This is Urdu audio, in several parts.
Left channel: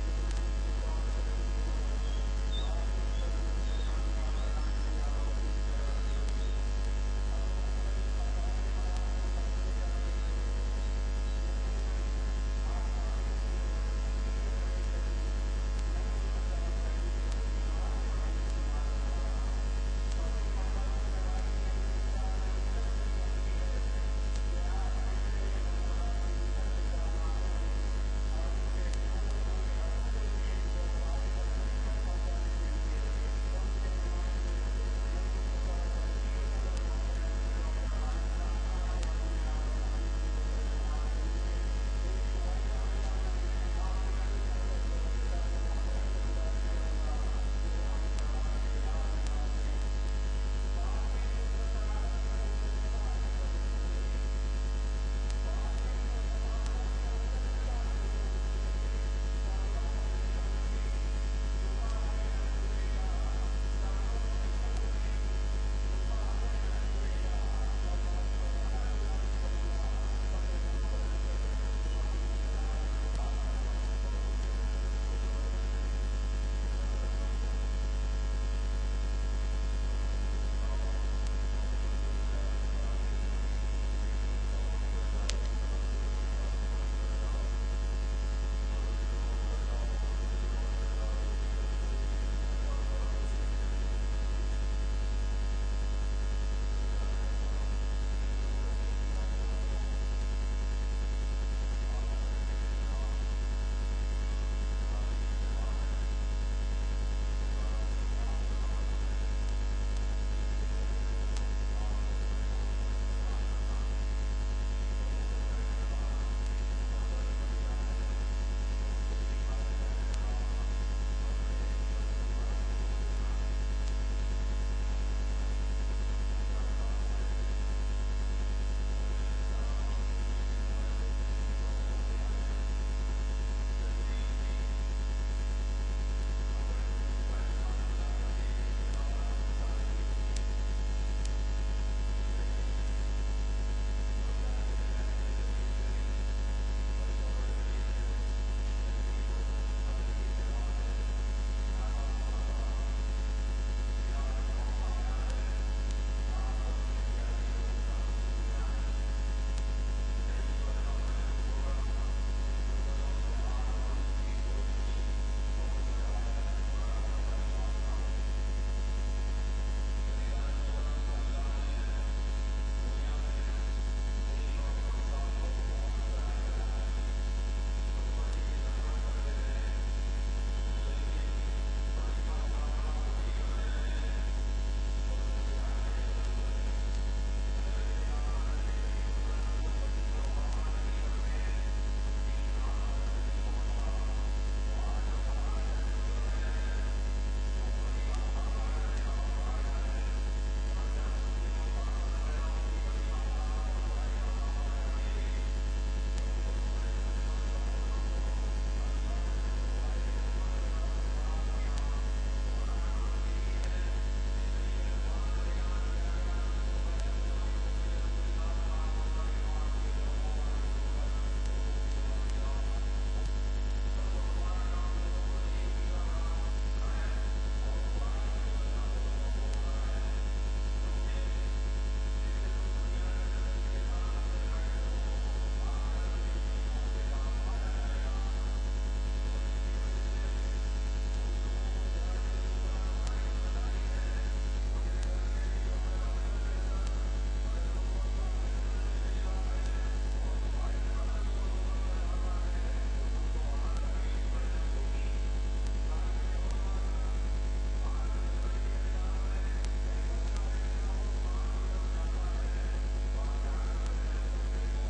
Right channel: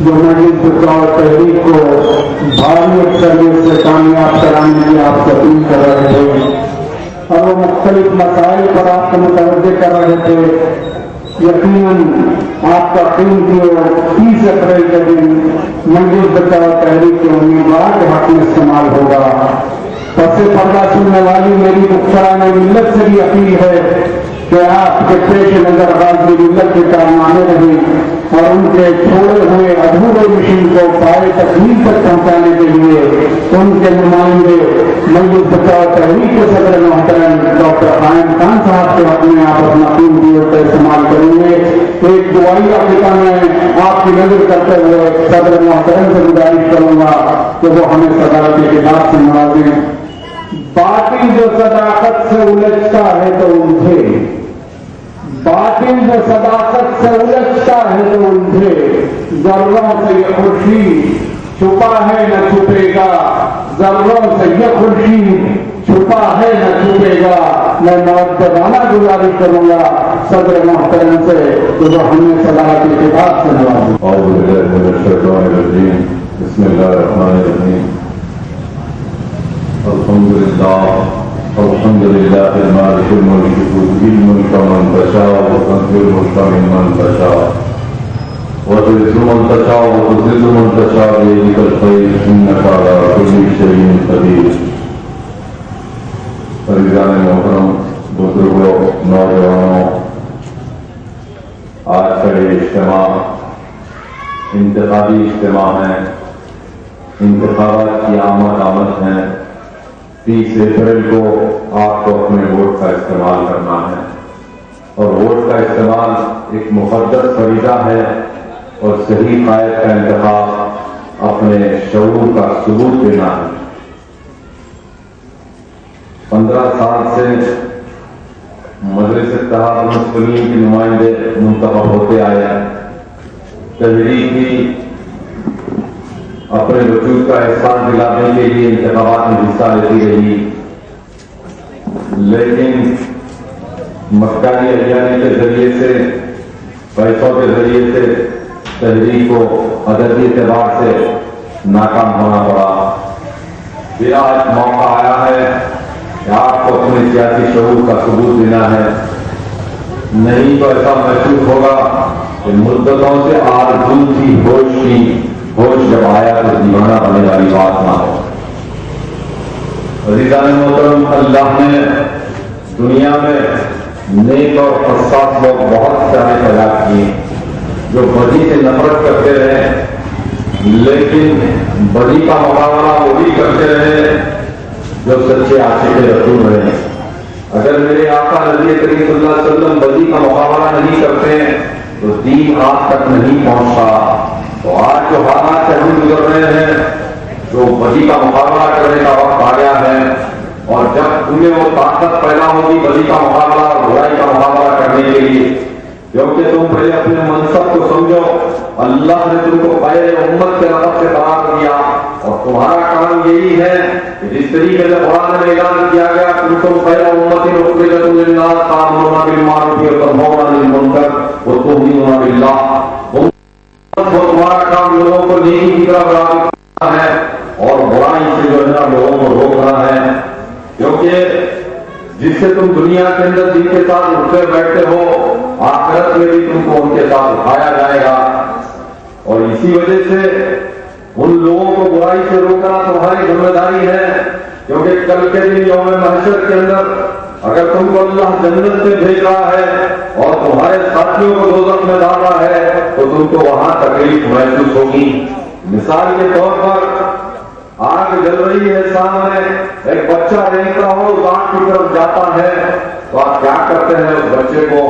جو مجلس بچاؤ تحریک کو بھاری اکثریت سے کامیاب کرانے کی آپ سے اپیل کر رہے تھے اور وہ مختلف مسائل پر آپ کو متوجہ کر رہے تھے۔ یقیناً آپ کا قیمتی اور 30 اپریل کے دن مجلس بچاؤ تحریک کے امیدوار کے حق میں استعمال ہوگا۔ پس پردہ سننے والی میری مختصرانہ ملت سے بھی اپیل ہے کہ آپ کے پیش نظر غازی ملت کے کارنامے رہیں اور ان کے چھوڑے ہوئے ادھورے مشن کو پائے تکمیل تک پہنچانے کے لیے ان کے نمائندے مجلس بچاؤ تحریک کے صدر محترم ڈاکٹر قائم خان صاحب کے حق میں آپ اپنا قیمتی وقت استعمال کریں گے۔ ایک دعائی عقیدہ میں آپ کی نظر کرتے ہوئے صدر محترم سے گزارش کروں گا کہ وہ ہمیں صدارت کی کتاب سے نوازیں۔ باطل جو صداقت سے الجھتا ہے تو الجھے، باطل جو صداقت سے الجھتا ہے تو الجھے، ذروں سے یہ خورشید چھپا ہے نہ چھپے گا، ذروں سے یہ خورشید چھپا ہے نہ چھپے گا۔ میں مؤدبانہ گزارش کروں گا صدر محترم سے کہ وہ ہمیں صدارت کی کتاب سے نوازیں۔ اعوذ باللہ من الشیطان الرجیم، بسم اللہ الرحمن الرحیم۔ الحمد للہ المالک الملک تؤتی الملک من تشاء وتنزع الملک ممن تشاء وتعز من تشاء وتذل من تشاء بيدك الخير انك على كل شيء قدیر۔ عزیزان محترم، بزرگوں، نوجوانوں، آج کا یہ اجتماع انتخابی اجتماع ہے، انتخابات کی آمد ہے۔ 30 اپریل کو آپ کو اپنے ووٹ کا استعمال کرنا ہے اور ووٹ کا استعمال ایک مقدس فریضہ ہے اور صحیح قائد کا انتخاب اپنے شعور کا ثبوت دینا ہے۔ 15 سال سے مجلس اتحاد المسلمین کے نمائندے منتخب ہوتے آئے ہیں۔ تحریک بھی اپنے وجود کا احساس دلانے کے لیے انتخابات میں حصہ لیتی رہی، لیکن مکاری احیانے کے ذریعے سے، پیسوں کے ذریعے سے تحریک کو عددی اعتبار سے ناکام ہونا پڑا۔ پھر آج موقع آیا ہے کہ آپ کو اپنے سیاسی شعور کا ثبوت دینا ہے، نہیں تو ایسا محسوس ہوگا کہ مدتوں سے آرزو تھی ہوش جب آیا تو دیوانہ بننے والی بات نہ ہو۔ عزیزان محترم، اللہ نے دنیا میں نیک اور حساس لوگ بہت سارے پیدا کیے جو بدی سے نفرت کرتے رہے، لیکن بدی کا مقابلہ وہ بھی کرتے رہے جو سچے عاشق رسول رہے۔ اگر میرے آقا نبی کریم صلی اللہ علیہ وسلم بدی کا مقابلہ نہیں کرتے تو دین آپ تک نہیں پہنچتا۔ تو آج جو حالات سے ہم گزر رہے ہیں، جو بدی کا مقابلہ کرنے کا وقت آ گیا ہے، اور جب تمہیں وہ طاقت پیدا ہوگی بدی کا مقابلہ اور برائی کا مقابلہ کرنے کے لیے، کیونکہ تم پہلے اپنے منصب کو سمجھو، اللہ نے تم کو پہلے امت کے رب سے قرار دیا اور تمہارا کام یہی ہے کہ جس طریقے سے قرآن میں اعلان کیا گیا تم خیر امت اخرجت للناس تأمرون بالمعروف وتنہون عن المنکر وتؤمنون باللہ۔ تمہارا کام لوگوں کو نیکی کی طرف راغب کرنا ہے اور برائی سے جو ہے لوگوں کو روکنا ہے، کیونکہ جس سے تم دنیا کے اندر جن کے ساتھ اٹھتے بیٹھتے ہو، آخرت میں بھی تم کو ان کے ساتھ اٹھایا جائے گا۔ اور اسی وجہ سے ان لوگوں کو برائی سے روکنا تمہاری ذمہ داری ہے، کیونکہ کل کے دن یوم محشر کے اندر اگر تم کو اللہ جنت میں بھیج رہا ہے اور تمہارے ساتھیوں کو دوزخ میں ڈال رہا ہے تو تم کو وہاں تکلیف محسوس ہوگی۔ مثال کے طور پر آگ جل رہی ہے، سامنے ایک بچہ رہتا ہو، اس آگ کی طرف جاتا ہے تو آپ کیا کرتے ہیں؟ اس بچے کو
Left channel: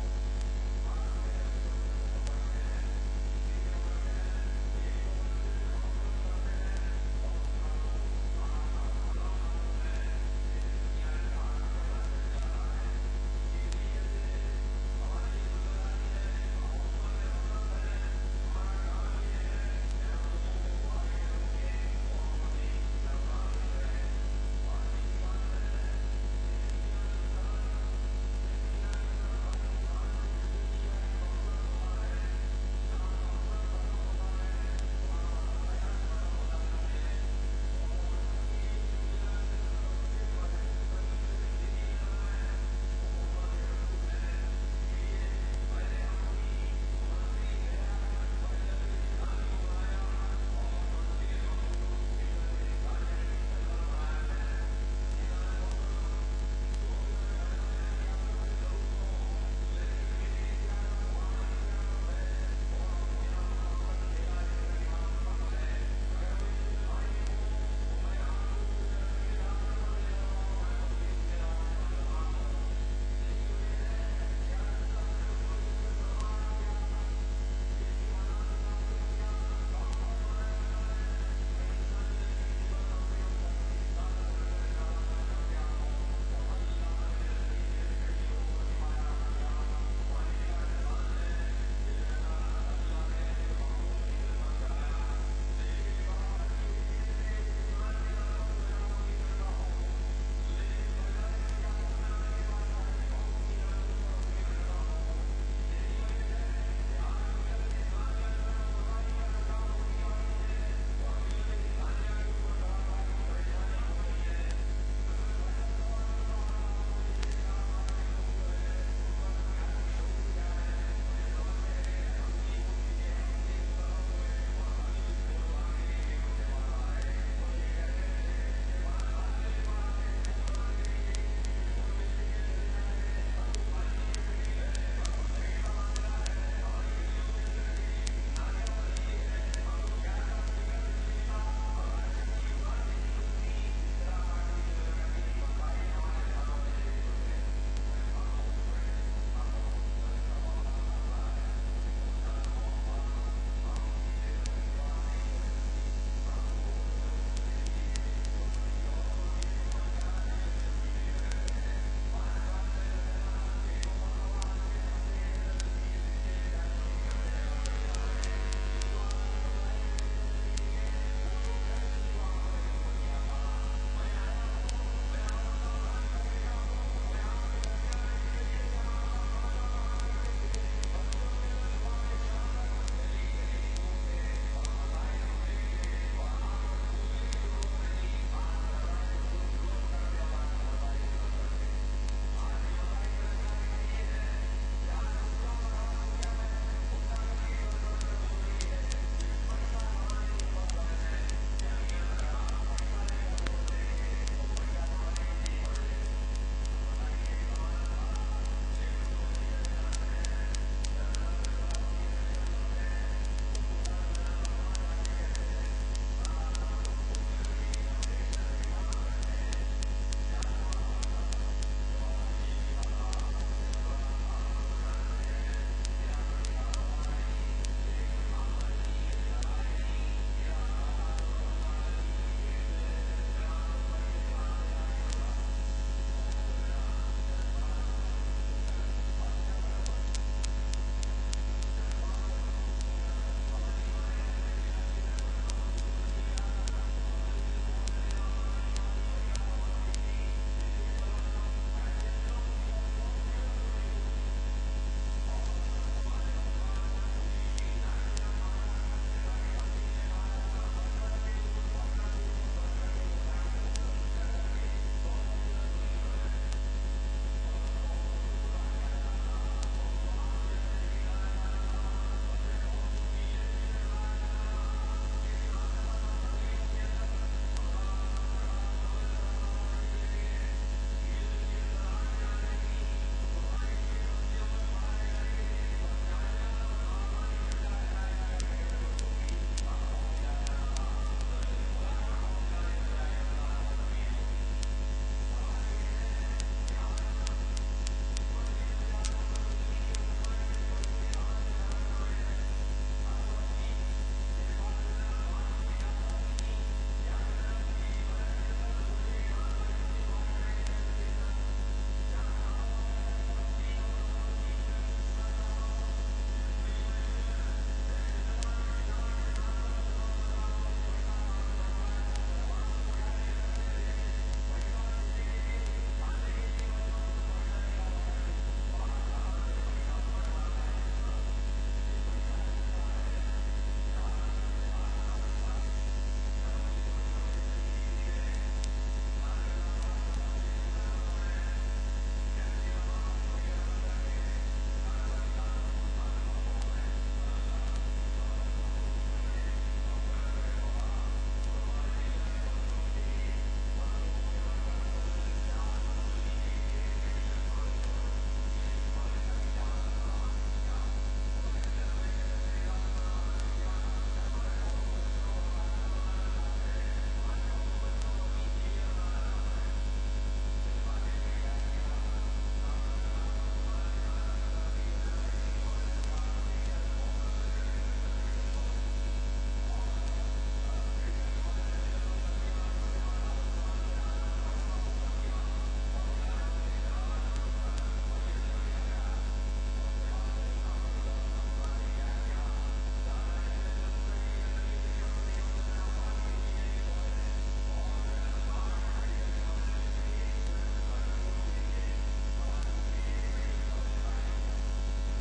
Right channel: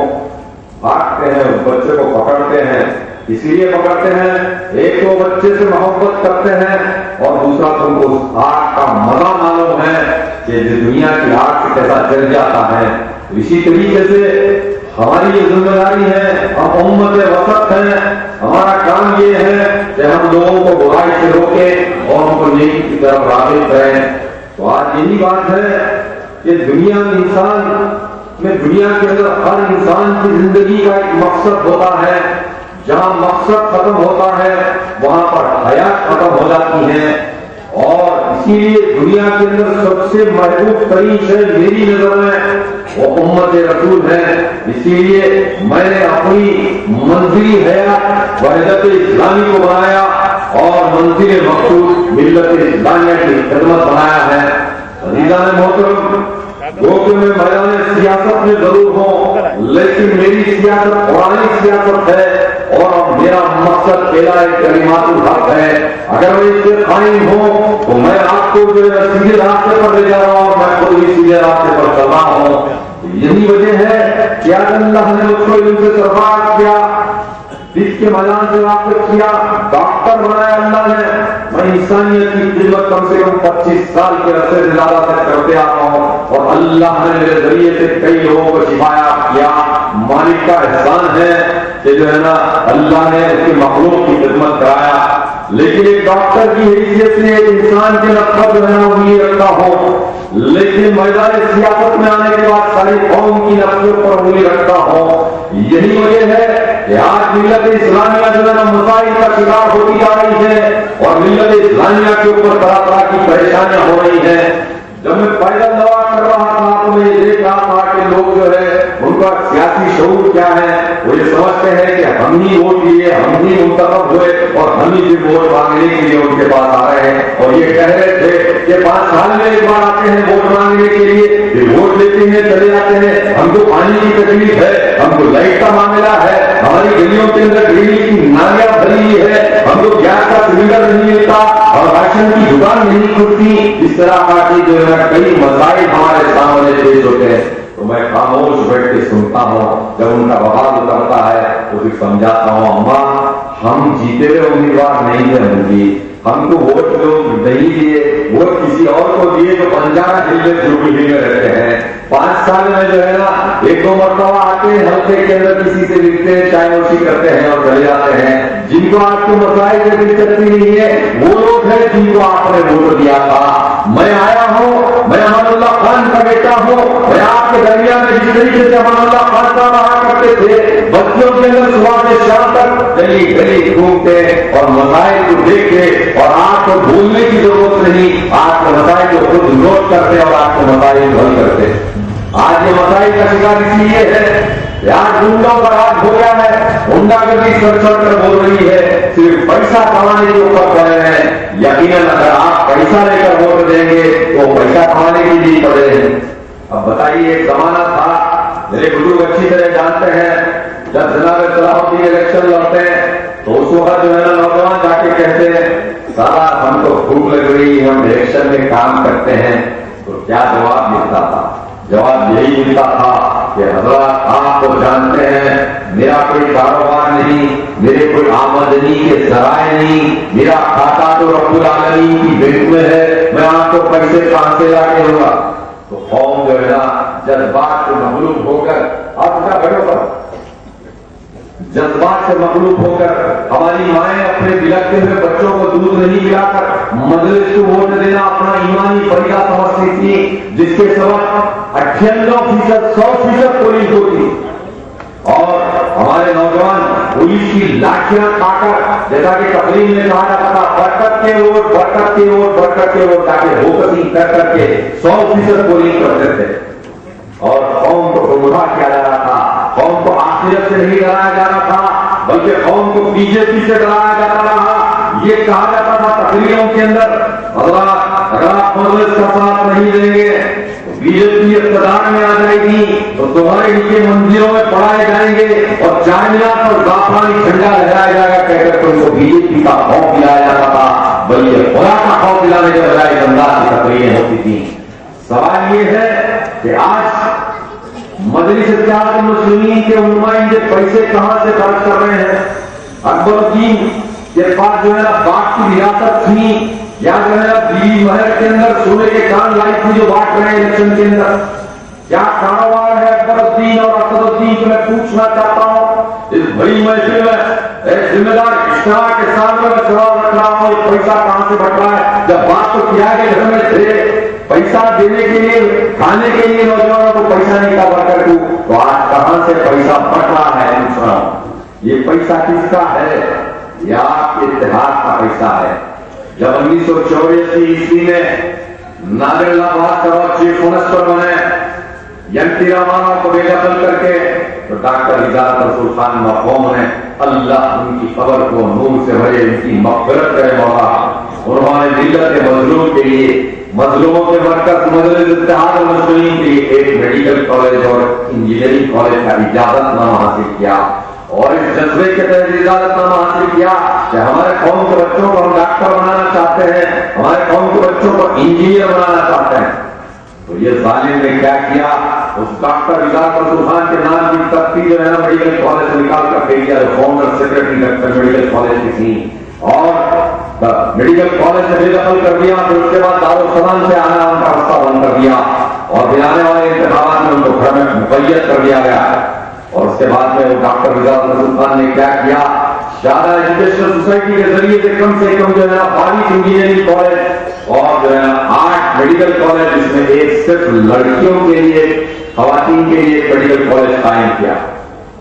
بھاگتے ہیں، اس بچے کو پکڑتے ہیں۔ اسی لیے پکڑتے ہیں، ایک تو بچے سے محبت کرتے ہیں اور دوسرا تم کو اس آگ کا مزہ معلوم ہے کہ دنیا کی آگ سے کیسا جل جاتا ہے۔ اسی طریقے سے ہماری یہ ذمہ داری ہے، ہم امت وسط ہیں، ہمارا کام یہ ہے کہ ہم لوگوں کو برائی سے روکیں اور ان کو نیکی کی طرف راغب کریں۔ تو آج یہی بات ہے کہ دنیا کے اندر ہر انسان کی زندگی کا ایک مقصد ہوتا ہے، جہاں مقصد ختم ہوتا ہے وہاں پر حیات ختم ہو جاتی ہیں. اور اسی لیے دنیا کے اندر سب سے محبوب ترین شے میری نظر میں وہ امت رسول ہے. اسی لیے میں نے اپنی منزلی حیات وحدت اسلامی کو بنایا اور منزل مقصود ملت اسلامیہ کی خدمت بنایا ہے. عزیزان محترم، جو کہ میں میدان سیاست میں ضرور ہوں، لیکن میری سیاست قرآنی سیاست ہے اور میرا مقصد اعلاء کلمات الحق ہے. اگر میں اس سے قائم ہوں تو میں آپ کو جو ہے سیدھے راستے پر لے جا رہا ہوں، میں خود بھی سیدھے راستے پر چل رہا ہوں. یہی وجہ ہے کہ آج اللہ نے مجھ کو ان سے سرفراز کیا، اس کے میدان سے واقف کیا، ڈاکٹر بنایا اللہ نے. میں انسانیت کی خدمت کم سے کم 25 سال کے عرصے سے زیادہ سے کرتے آتا ہوں اور اللہ نے میرے ذریعے سے کئی لوگوں کو شفایا کیا. مالک کا احسان ہے کہ جو ہے نا اللہ نے اس کی مخلوق کی خدمت کرایا. لیکن ایک ڈاکٹر کی حیثیت سے ایک انسان کے نقص جو ہے نا وہ رکھتا ہوں، لیکن میدان سیاست میں آنے کے بعد ساری قوم کی نقصوں پر انگلی رکھتا ہوں. یہی وجہ ہے کہ آج ملت اسلامیہ جو ہے نا مسائل کا شکار ہوتی جا رہی ہے اور ملت اسلامیہ کے اوپر طرح طرح کی پریشانیاں ہو رہی ہیں. جب میں پیدل دوا کر رہا تھا تو میں یہ دیکھ رہا تھا کہ لوگ جو ہے ان کا سیاسی شعور کیا ہے. وہ یہ سمجھتے ہیں کہ ہم ہی ووٹ دیے، ہم ہی منتخب ہوئے اور ہم ہی بھی ووٹ مانگنے کے لیے ان کے پاس آ رہے ہیں اور یہ کہہ رہے تھے کہ 5 سال میں ایک بار آتے ہیں ووٹ مانگنے کے لیے، پھر ووٹ لیتے ہیں چلے جاتے ہیں. ہم کو پانی کی تکلیف ہے، ہم کو لائٹ کا معاملہ ہے، ہماری گلیوں کے اندر ڈیلی کی نالیاں بھری ہے، ہم کو گیس کا سلنڈر نہیں ملتا اور راشن کی دکان نہیں کھلتی. اس طرح کا جو ہے کئی مسائل ہمارے سامنے پیش ہوتے ہیں تو میں خاموش بیٹھ کے سنتا ہوں. جب ان کا بوال اترتا ہے تو پھر سمجھاتا ہوں، اماں ہم جیتے ہوئے امیدوار نہیں ہیں، ہوں گی ہم کو ووٹ لوگ نہیں دیے، ووٹ کسی اور کو دیے جو بنجارا ضلع جوبلی میں رہتے ہیں. 5 سال میں جو ہے نا 1-2 مرتبہ آتے ہیں، ہفتے کے اندر کسی سے ملتے ہیں، چائے نوشی کرتے ہیں اور چلے جاتے ہیں. جن کو آپ کے مسائل سے دلچسپی نہیں ہے وہ لوگ ہیں جن کو آپ نے ووٹ دیا تھا. میں آیا ہوں، میں امان اللہ خان کا بیٹا ہوں، میں آپ کے درمیان میں جس طریقے سے امان اللہ خان کا رہا کرتے تھے، بچوں کے اندر صبح سے شام تک گلی گلی گھومتے اور مسائل کو دیکھتے اور آپ کو بھولنے کی ضرورت نہیں، آپ کے مسائل کو خود نوٹ کرتے اور آپ کے مسائل حل کرتے. آج یہ مسائل کا شکار اس لیے ہے کہ آج گنڈوں کا راج ہو گیا ہے، گنڈا گردی سر چڑھ کر بول رہی ہے، صرف پیسہ کمانے کے اوپر پڑے ہیں. یقیناً اگر آپ پیسہ لے کر ووٹ دیں گے تو پیسہ کمانے کے لیے پڑے ہیں. اب بتائیے، ایک زمانہ تھا، میرے بزرگ اچھی طرح جانتے ہیں، جب جناب صلاح الدین الیکشن لڑتے ہیں تو اس وقت جو ہے نا نوجوان جا کے کہتے ہیں سارا ہم کو بھوک لگ رہی، ہم الیکشن میں کام کرتے ہیں. تو کیا جواب ملتا تھا؟ جواب یہی ملتا تھا کہ حضرات آپ تو جانتے ہیں میرا کوئی کاروبار نہیں، میرے کوئی آمدنی کے ذرائع نہیں، میرا کھاتا تو رب العالمین کی بینک میں ہے، میں آپ کو پیسے کہاں سے لا کے دوں گا. تو قوم جو ہے نا جذبات سے مغلوب ہو کر، آپ کا گھروں پر جذبات سے مغلوب ہو کر ہماری مائیں اپنے بلکتے ہوئے بچوں کو دودھ نہیں پلا کر مجلس کو ووٹ دینا اپنا ایمانی فریضہ سمجھتی تھی، جس کے سبب 98% 100% پولیس ہوتی اور ہمارے نوجوان پولیس کی لاٹھیاں کھا کر، جیسا کہ تقریر میں کہا جاتا تھا، برکت کے ووٹ برکت کے ووٹ برکت کے ووٹ تاکہ ہوکسی کر کر کے 100% پولیس کرتے تھے اور قوم کو گمراہ کیا جا رہا تھا. قوم کو آخرت سے نہیں ڈرایا جا رہا تھا بلکہ قوم کو بی جے پی سے ڈرایا جاتا رہا. یہ کہا جاتا تھا تقریروں کے اندر، اگر آپ مجلس کا ساتھ نہیں دیں گے تو بی جے پی اقتدار میں آ جائے گی تو تمہارے نیچے مندروں میں پڑھائے جائیں گے اور چائنیات اور زعفرانی جھنڈا لہرایا جائے گا کہہ کر تم کو بی جے پی کا خوف دلایا جاتا تھا، بلکہ خدا کا خوف دلانے کے بجائے انداز کی تقریریں ہوتی تھیں. سوال یہ ہے کہ آج مجلس اتحاد المسلمین کے نمائندے پیسے کہاں سے خرچ کر رہے ہیں؟ اکبر الدین کے پاس جو ہے نا باغ کی ریاست تھی یا جو ہے نا بیوی محل کے اندر سونے کے کان لائی تھی جو بانٹ رہے ہیں الیکشن کے اندر. کیا کاروبار ہے اکبر الدین اور اسد الدین کو میں پوچھنا چاہتا ہوں اس بڑی محفل میں ایک ذمہ دار اجتماع کے سامنے میں سوال رکھ رہا ہوں، یہ پیسہ کہاں سے بٹ رہا ہے؟ جب بات تو کیا کہ گھر میں تھے پیسہ دینے کے لیے، کھانے کے لیے نوجوانوں کو پیسہ نہیں کا بڑھ کر تو آج کہاں سے پیسہ بٹ رہا ہے؟ پوچھ رہا ہوں یہ پیسہ کس کا ہے؟ یہ آپ کے اتحاد کا پیسہ ہے۔ جب 1984 عیسوی میں نادر بھاکر چیف منسٹر بنے، این ٹی راما کو بے دخل کر کے، تو ڈاکٹر ہدایت رسول خان مرحوم نے اللہ ان کی قبر کو نور سے بھرے، ان کی مغفرت کرے مولا۔ انہوں نے ملت کے مظلوم کے لیے، مظلوموں کے مرکز مجلس اتحاد المسلمین کے لیے ایک میڈیکل کالج اور انجینئرنگ کالج کا اجازت نامہ حاصل کیا، اور اس جذبے کے تحت اجازت نامہ حاصل کیا کہ ہمارے قوم کے بچوں کو ہم ڈاکٹر بنانا چاہتے ہیں، ہمارے قوم کے بچوں کو انجینئر بنانا چاہتے ہیں۔ تو یہ ظالم نے کیا کیا، اس ڈاکٹر ہدایت رسول خان کے نام کی تختی جو ہے نا میڈیکل کالج سے نکال کر دے دیا، founder secretary doctor medical college کی تھی، اور میڈیکل کالج سے بے دخل کر دیا۔ پھر اس کے بعد دارالسلام سے آنا ان کا راستہ بند کر دیا، اور پھر آنے والے انتخابات میں ان کو گھر میں مقید کر دیا گیا۔ اور اس کے بعد میں وہ ڈاکٹر ہدایت رسول خان نے کیا کیا، شاردا ایجوکیشنل سوسائٹی کے ذریعے سے کم جو ہے نا 22 انجینئرنگ کالج اور جو ہے نا 8 میڈیکل کالج، جس میں ایک صرف لڑکیوں کے لیے، خواتین کے لیے ایک میڈیکل کالج قائم کیا۔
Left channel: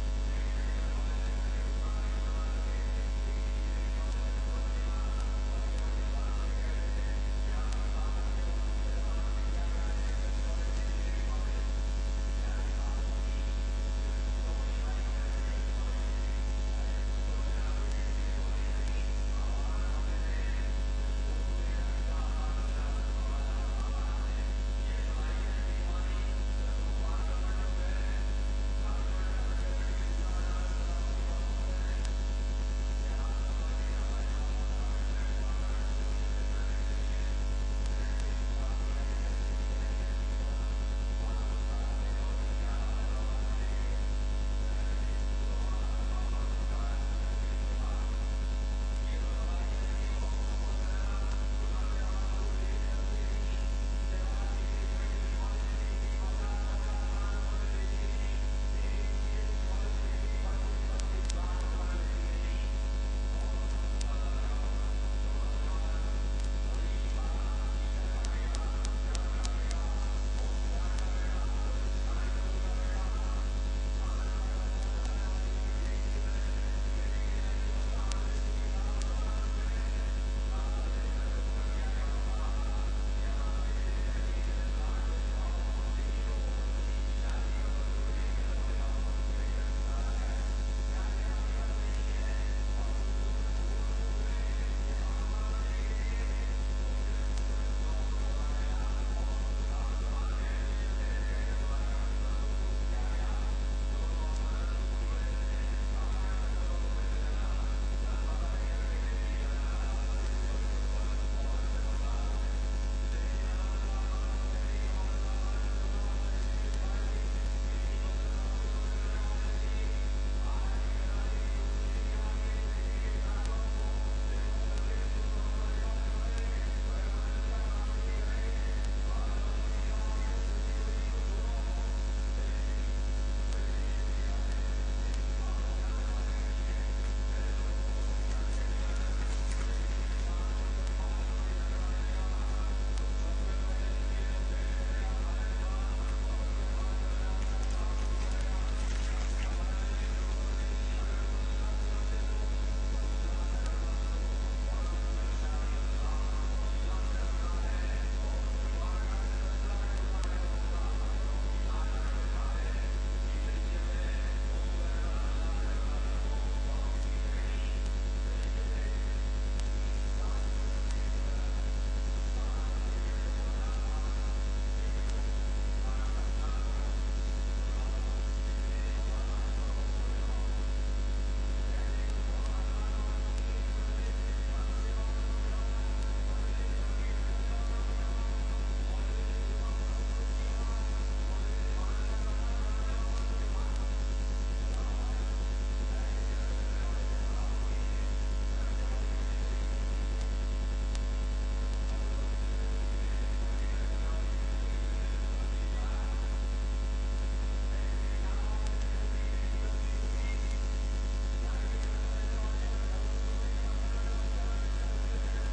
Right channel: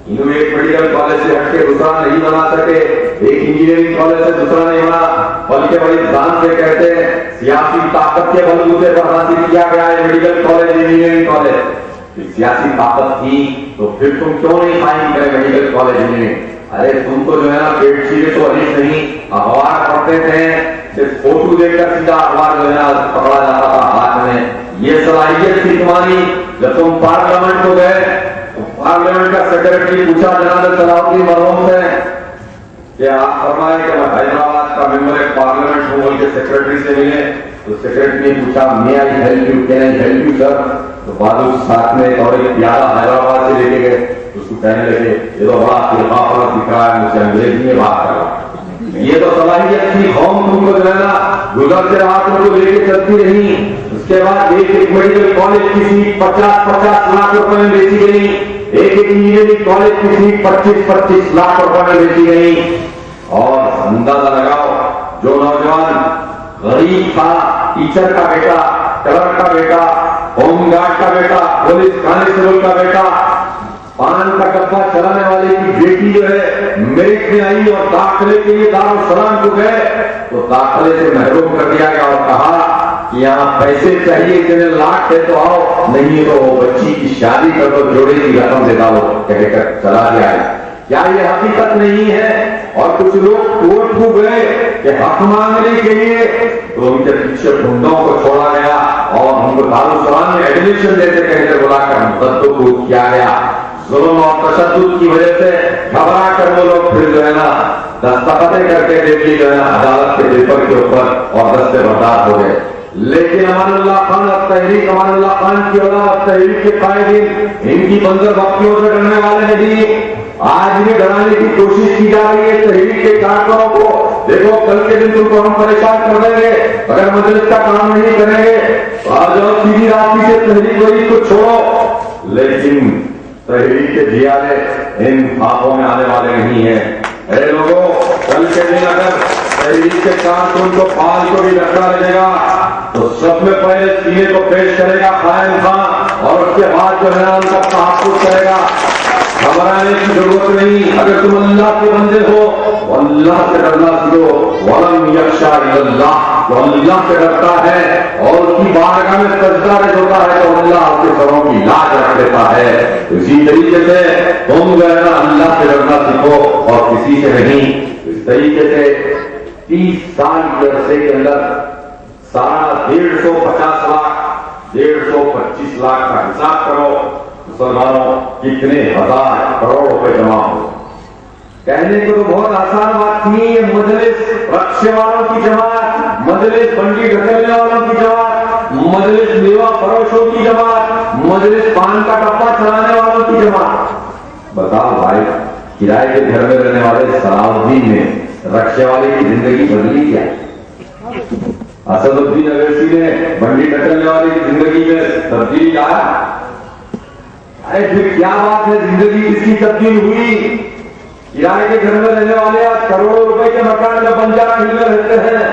انہوں نے ایک میڈیکل کالج سے ہٹ کے دوسرا نہیں بنا سکے، ایک انجینئرنگ کالج سے دوسرا نہیں بنا، بلکہ بڑی جان سے کہتے ہیں سیاسی طاقت کے بلبوتے پر حاصل کیا گیا ہے میڈیکل کالج، انجینئرنگ کالج۔ سیاسی طاقت تھی تو پھر تم کیوں نہیں قائم کرے میڈیکل کالج انجینئرنگ؟ ارے تم کو جو ہے نا پیٹ سیرے تو حدیث نہیں، اخبار پڑھتے تھے، صرف فوٹو دیکھ کر سیدھا اخبار جو ہے نا پکڑا جاتا تھا ہاتھ میں۔ یہ صلاحیت تھی تمہاری۔ جب تم پارلیمنٹ کو گئے، پارلیمنٹ کا سیکرٹری پوچھا جناب صلاح الدین مرحوم سے کہ آپ فرمائے کہ میں حیدرآباد کا ممبر پارلیمنٹ ہوں، بول کے سیکرٹری سے ملے، تو سیکرٹری نے پوچھا میں I help you, can I help you sir? تو بادل ساتھ میں اور ایک پیارا حیدرآباد سے لے کے گئے، اس کو کہنے لگے یہ تو بڑا فرقہ پرست دکھ رہا ہے، مجھے انگریزی میں بات کر رہا ہے۔ یہ تو صلاحیت تھی، قوم تم کو جو ہے نا گزرتے رات میں لے کے چلتی رہی۔ اس کے بعد ایک میڈیکل کالج کی سیٹ 50-50 لاکھ روپے میں بیچی گئی، ایک انجینئرنگ کالج کی سیٹ 25-25 لاکھ روپے میں بیچی گئی۔ اور اندازہ لگاؤ، جو نوجوان غریب تھا، ٹیچر کا بیٹا، کلرک کا بیٹا، ہوم گارڈ کا بیٹا، پولیس کانسٹیبل کا بیٹا، پان کا ڈبہ چلانے والے کی بیٹی جو ہے میرٹ میں آئی اور داخلے کے لیے دارالسلام کو گئے تو داخلے سے محروم کر دیا گیا اور کہا کہ یہاں پیسے چاہیے، اتنے لاکھ ہے تو آؤ، نہیں تو بچی کی شادی کر دو، جوڑے کی رقم دے ڈالو، کہہ کر چلا گیا ہے۔ کیا یہ حقیقت نہیں ہے؟ اور کچھ لوگ کورٹ کو گئے کہ حق مانگنے کے لیے، تو ان کے پیچھے گنڈوں کو چھوڑا گیا اور ان کو دارالسلام میں ایڈمیشن دیتے کہتے بلا کر مقدمہ کو کیا گیا۔ ظلم اور تشدد کی وجہ سے گھبرا کر وہ لوگ پھر جو ہے نا دستخطیں کر کے دیکھی جو ہے نا عدالت کے پیپر کے اوپر اور دستے بردار ہو گئے۔ لیکن امان اللہ خان تحریک، امان اللہ خان کی اولاد تحریک کے قائدین ان کی منظر بختیوں سے ڈرنے والے نہیں۔ آج بھی ڈرانے کی کوشش کی جا رہی ہے تحریک کے کارکنوں کو، دیکھو کل کے دن تم کو ہم پریشان کر دیں گے اگر مجلس کا کام نہیں کریں گے، آج اور سیدھی راستے سے تحریک وہی کو چھوڑو۔ لیکن تحریک کے جیالے ان خوابوں میں آنے والے نہیں ہیں۔ اے لوگوں، کل کے دن اگر تحریک کے کارکن کو پال کو بھی رکھا رہے گا تو سب میں پہلے سینے کو پیش کرے گا قائم خان، اور اس کے بعد جو ہے نا ان کا تحفظ کرے گا۔ گھبرانے کی ضرورت نہیں، اگر تم اللہ کے بندے ہو اللہ سے ڈرنا سیکھو۔ وَلَمْ يَخْشَ إِلَّا اللَّهُ، جو اللہ سے ڈرتا ہے اور اس کی بارگاہ میں سجدہ رکھ ہوتا ہے تو اللہ آپ کے سروں کی لاج رکھ دیتا ہے۔ اسی طریقے سے تم جو ہے نا اللہ سے ڈرنا سیکھو اور کسی سے نہیں۔ اس طریقے سے 30 سال کے عرصے کے اندر 150 لاکھ 125 لاکھ کا حساب کرو، مسلمانوں کتنے ہزار کروڑ روپے جمع ہو۔ کہنے کو تو بہت آسان بات تھی، یہ مجلس رکشے والوں کی جماعت، مجلس بنڈی ڈھکیلنے والوں کی جماعت، مجلس میوہ فروشوں کی جماعت، مجلس پان کا ڈبہ چلانے والوں کی جماعت۔ بتاؤ بھائی، کرائے کے گھر میں رہنے والے صلاح الدین نے رکشے والے کی زندگی بدلی کیا؟ اسد الدین اویسی نے بنڈی ڈھکیلنے والے کی زندگی میں تبدیلی آیا؟ ارے پھر کیا بات ہے، زندگی کس کی تبدیل ہوئی؟ کرائے کے گھر میں رہنے والے آج کروڑوں روپے کے مکان میں بنجارا ہل میں رہتے ہیں،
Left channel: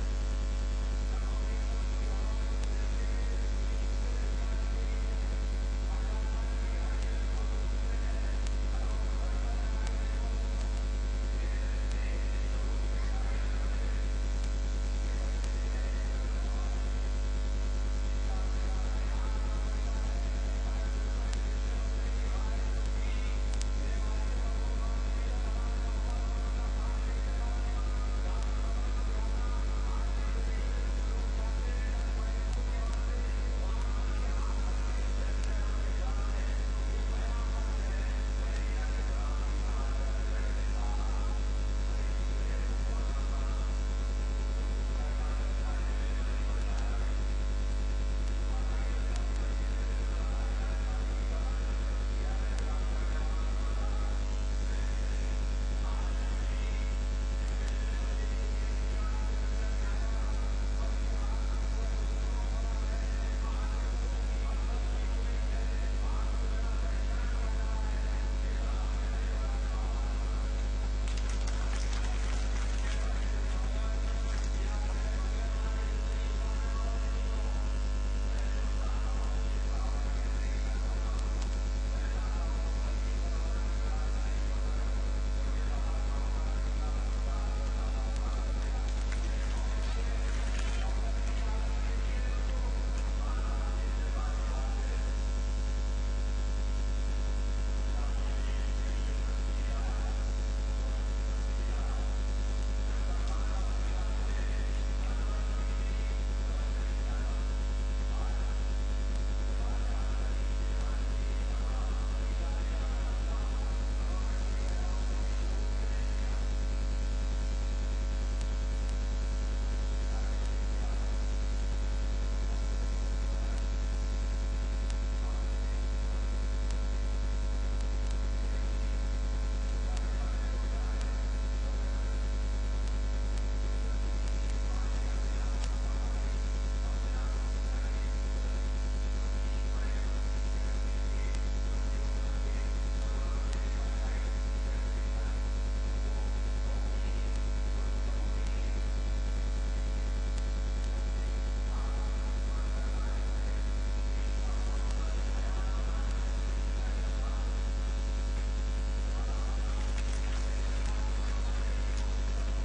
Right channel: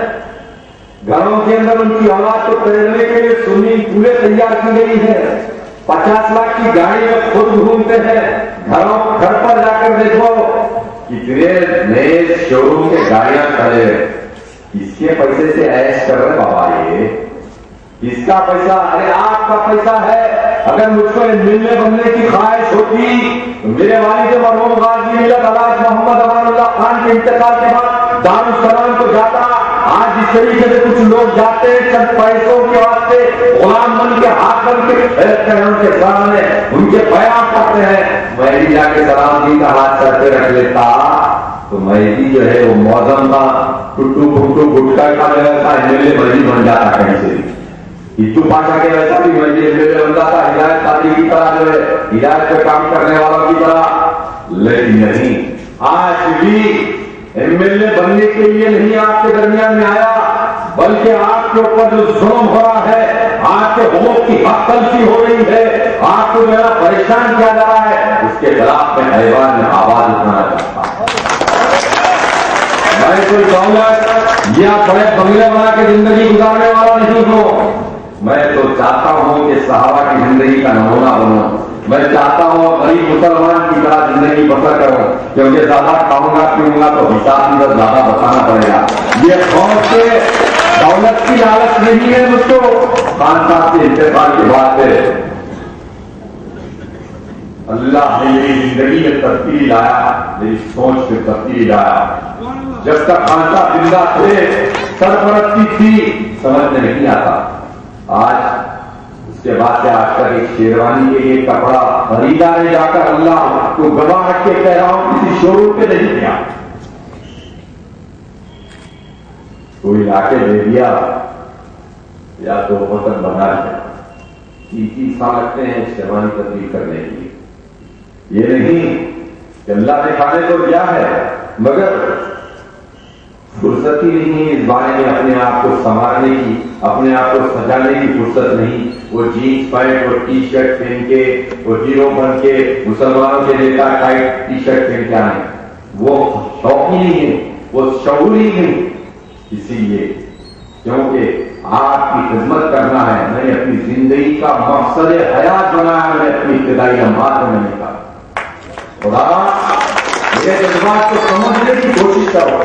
گھروں کے اندر ان کی اولاد کو پہننے کے لیے سوئمنگ پولیں تیار کی گئی ہے، 50 لاکھ کی گاڑی میں خود گھومتے ہیں۔ گھر پر جا کر دیکھو کتنے نئے شو روم کے گاڑیاں کھڑے ہیں، اس کے پیسے سے ایش کر رہے بابا، یہ اس کا پیسہ، ارے آپ کا پیسہ ہے۔ اگر مجھ کو ملنے بننے کی خواہش ہوتی تو میرے والد مرحوم غازی ملت علاج محمد امان اللہ خان کے انتقال کے بعد دارالسلام کو جاتا۔ آج اس طریقے سے کچھ لوگ جاتے ہیں چند پیسوں کے واسطے، غلام بن کے ہاتھ بن کے ان کے سامنے ان کے بیان کرتے ہیں، میں بھی جا کے سلام جی کا ہاتھ سر پہ رکھ لیتا تو میں بھی جو ہے وہ موزم کا ٹٹو پھٹو گٹکا کھا لیتا، MLA بڑی بن جاتا کہیں سے، ہندو پاشا کے ویسا بھی میں MLA بن جاتا، ہدایت قادری کی طرح جو ہے ہدایت پہ کام کرنے والوں کی طرح۔ لیکن نہیں، آج بھی MLA بننے کے لیے نہیں آپ کے درمیان میں آیا، بلکہ آپ کے اوپر جو ظلم ہو رہا ہے، آپ کے حقوق کی حق تلفی ہو رہی ہے، آپ کو میرا پریشان کیا جا رہا ہے، اس کے خلاف میں ایوان میں آواز اٹھانا چاہتا ہوں۔ میں کوئی دولت یا بڑے بنگلے بنا کے زندگی گزارنے والا نہیں ہوں، میں تو چاہتا ہوں کہ صحابہ کی زندگی کا نمونہ بنوں، میں چاہتا ہوں غریب مسلمان کی طرح زندگی بسر کروں، کیونکہ زیادہ کھاؤں گا پیوں گا تو حساب میں زیادہ بتانا پڑے گا۔ یہ قوم سے دولت کی لالچ نہیں ہے مجھ کو۔ خان صاحب کے انتقال کے بعد سے اللہ نے میری زندگی میں تبدیلی لایا، میری سوچ میں تبدیلی لایا۔ جب تک خان صاحب زندہ تھے، سرپرستی تھی، سمجھ میں نہیں آتا۔ آج اس کے بعد سے آج تک ایک شیروانی کے لیے کپڑا خریدا نہیں جا کر اللہ کو گواہ رکھ کے کہہ رہا ہوں کسی شو روم پہ نہیں کیا، کوئی لا کے دے دیا یا تو وطن بنا لیا۔ 30 سال لگتے ہیں شیروانی تبدیل کرنے کے لیے۔ یہ نہیں کہ اللہ نے کھانے کو دیا ہے مگر فرصت ہی نہیں اس بارے میں اپنے آپ کو سنوارنے کی، اپنے آپ کو سجانے کی فرصت نہیں۔ وہ جینس پینٹ اور ٹی شرٹ پہن کے، وہ ہیرو بن کے مسلمانوں کے نیتا ٹائٹ ٹی شرٹ پہن کے آئے، وہ شوق ہی نہیں ہے، وہ شعور ہی نہیں۔ اسی لیے کیونکہ آپ کی خدمت کرنا ہے، میں نے اپنی زندگی کا مقصد حیات بنایا، میں اپنی ابتدائی لمحات میں نے کہا خدا میرے جذبات کو سمجھنے کی کوشش کرو۔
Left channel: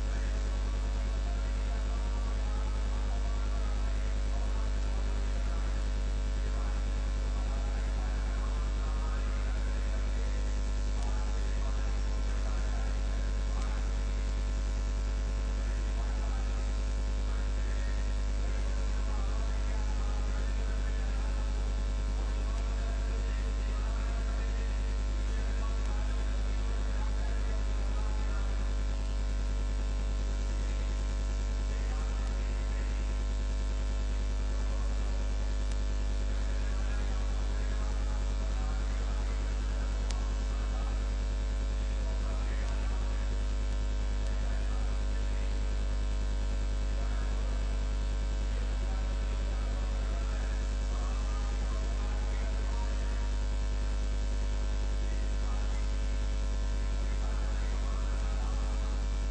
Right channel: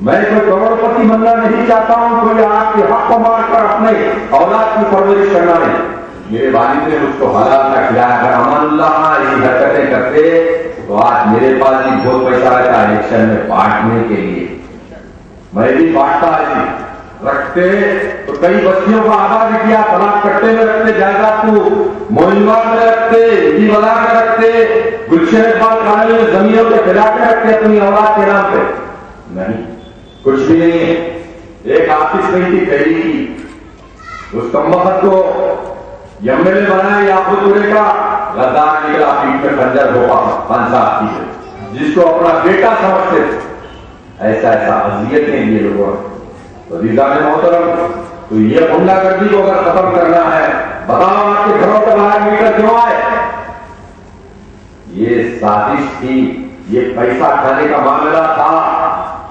میں کوئی کروڑ پتی بننا نہیں چاہتا ہوں، کوئی آپ کے حق کو مار کر اپنے اولاد کی پرورش کرنا نہیں۔ میرے والد نے مجھ کو حلال کا کھلایا، اگر امان اللہ یہ حرکتیں کرتے تو آج میرے پاس بھی بہت پیسہ رہتا الیکشن میں بانٹنے کے لیے، میں بھی بانٹتا ہے۔ رکھتے تو کئی بستیوں کو آباد کیا، طلاق کٹے میں رکھتے، جائیداد کو موہنوار میں رکھتے، ہندی بازار میں رکھتے، گلشن اقبال کالونی میں زمینوں کے پھیلا کے رکھتے اپنی اولاد کے نام پہ۔ نہیں، کچھ بھی نہیں ہے۔ ایک آفس نہیں تھی پہلی کی، اس کمبخت کو MLA بنایا یعقوب پورے کا، غدار نکلا، پیٹ میں خنجر ہو خان صاحب کی، جس کو اپنا بیٹا سمجھتے تھے۔ ایسا اذیتیں یہ لوگوں ریزان محترم، تو یہ غنڈہ گردی کو اگر ختم کرنا ہے، بتاؤ آپ کے گھروں کے باہر میٹر کیوں آئے؟ یہ سازش تھی، یہ پیسہ کھانے کا معاملہ تھا۔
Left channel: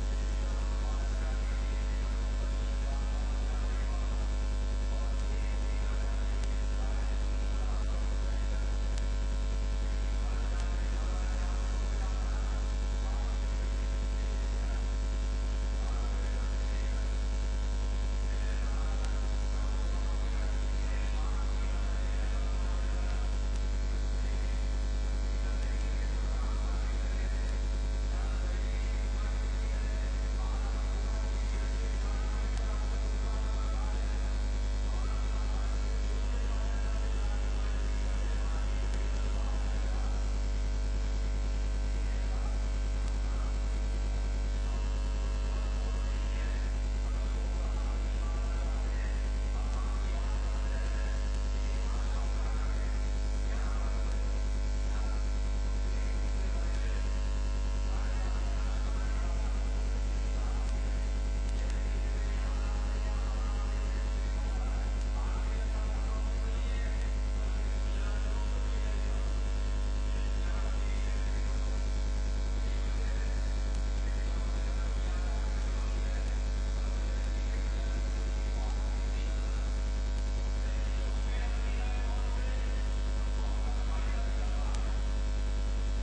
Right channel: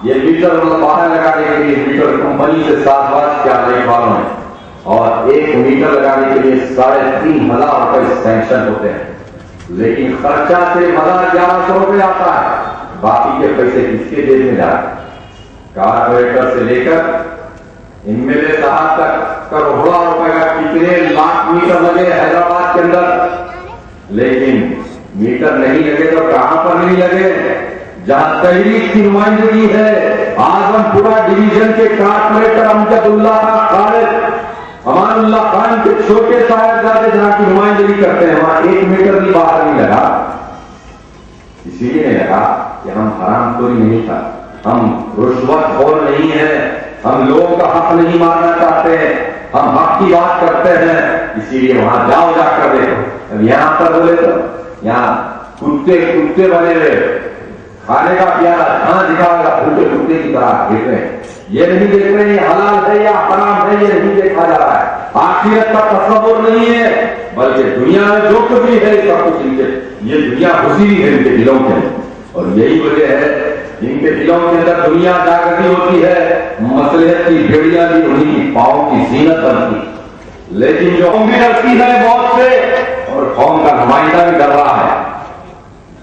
یہ میٹر باہر لگانے کے لیے میٹر کمپنی سے 7 برس کیا رہی والوں نے، اور ایک میٹر لگانے کے لیے 3,500 روپے سینکشن ہوتے ہیں، لیکن خرچہ سے 1,100 روپے آتا ہے، باقی کے پیسے کس کے جیب میں جا رہے ہیں؟ کارپوریٹر سے لے کر MLA صاحب تک کروڑوں روپے کا کتنے لاکھ میٹر لگے حیدرآباد کے اندر، لیکن میٹر نہیں لگے تو کہاں پر نہیں لگے؟ جہاں تحریک کی نمائندگی ہے، اعظم پورا ڈویژن کے کارپوریٹر امجد اللہ خالد امان اللہ خان کے چھوٹے صاحبزادے جہاں کی نمائندگی کرتے ہیں، وہاں 1 میٹر بھی باہر نہیں لگا۔ اسی لیے نہیں لگا کہ ہم حرام خوری نہیں تھا، ہم رشوت خور نہیں ہیں، ہم لوگوں کا حق نہیں ماننا چاہتے ہیں، ہم حق کی بات کرتے ہیں۔ اسی لیے وہاں جاؤ، جا کر دیکھو۔ یہاں پر بولے تو یہاں کتے بنے ہوئے، کھانے کا پیارا کھانا دکھاؤ گا، کتے کی طرح دیکھ رہے ہیں، یہ نہیں دیکھ رہے ہیں حلال ہے یا حرام ہے، یہ نہیں دیکھا جا رہا ہے۔ آخرت کا تصور نہیں ہے، بلکہ دنیا میں جو کچھ بھی ہے سب کچھ ان کے، یہ دنیا گھسی ہے ان کے دلوں کے، اور یہی وجہ ہے ان کے دلوں کے اندر دنیا جاگتی ہوتی ہے، مصلحت کی بھیڑیاں بھی انہیں کی پاؤں کی زینت بنتی، لیکن جو قوم بھی ڈرتی ہے موت سے، اور قوم کا نمائندہ بھی ڈر رہا ہے۔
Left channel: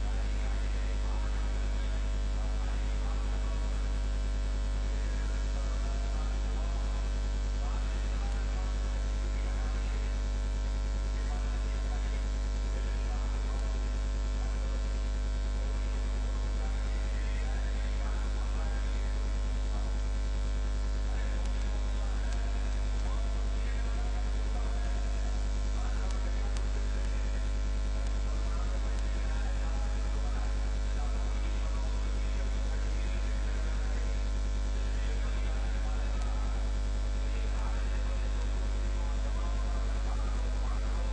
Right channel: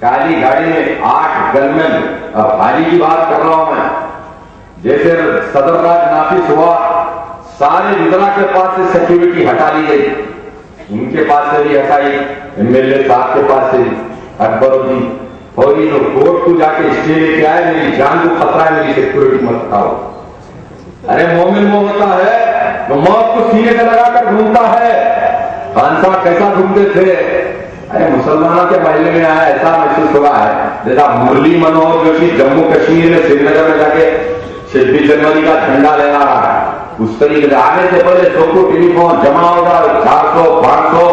کالی گاڑی میں 8 گنمین، اب حالی کی بات کر رہا ہوں میں، جیسے صدر راج نافذ ہوا سارے وزرا کے پاس سے سیکیورٹی ہٹا لی گئی، ان کے پاس سے بھی ہٹائی، MLA صاحب کے پاس سے اکبر الدین فوری تو کورٹ کو جا کے اسٹے لے کے آئے، میری جان کو خطرہ ہے، میری سیکیورٹی مت ہٹاؤ۔ ارے مومن وہ ہوتا ہے جو موت کو سینے سے لگا کر ڈھونڈتا ہے۔ خان صاحب کیسا ڈھونڈتے تھے؟ ارے مسلمانوں کے محلے میں آیا ایسا محسوس ہوا ہے جیسا مرلی منوہر جوشی جموں کشمیر میں سری نگر میں جا کے 26 جنوری کا جھنڈا لہرا رہا ہے، اس طریقے سے آنے سے پہلے سوکو ٹیلی فون جمع ہو جائے 400 500۔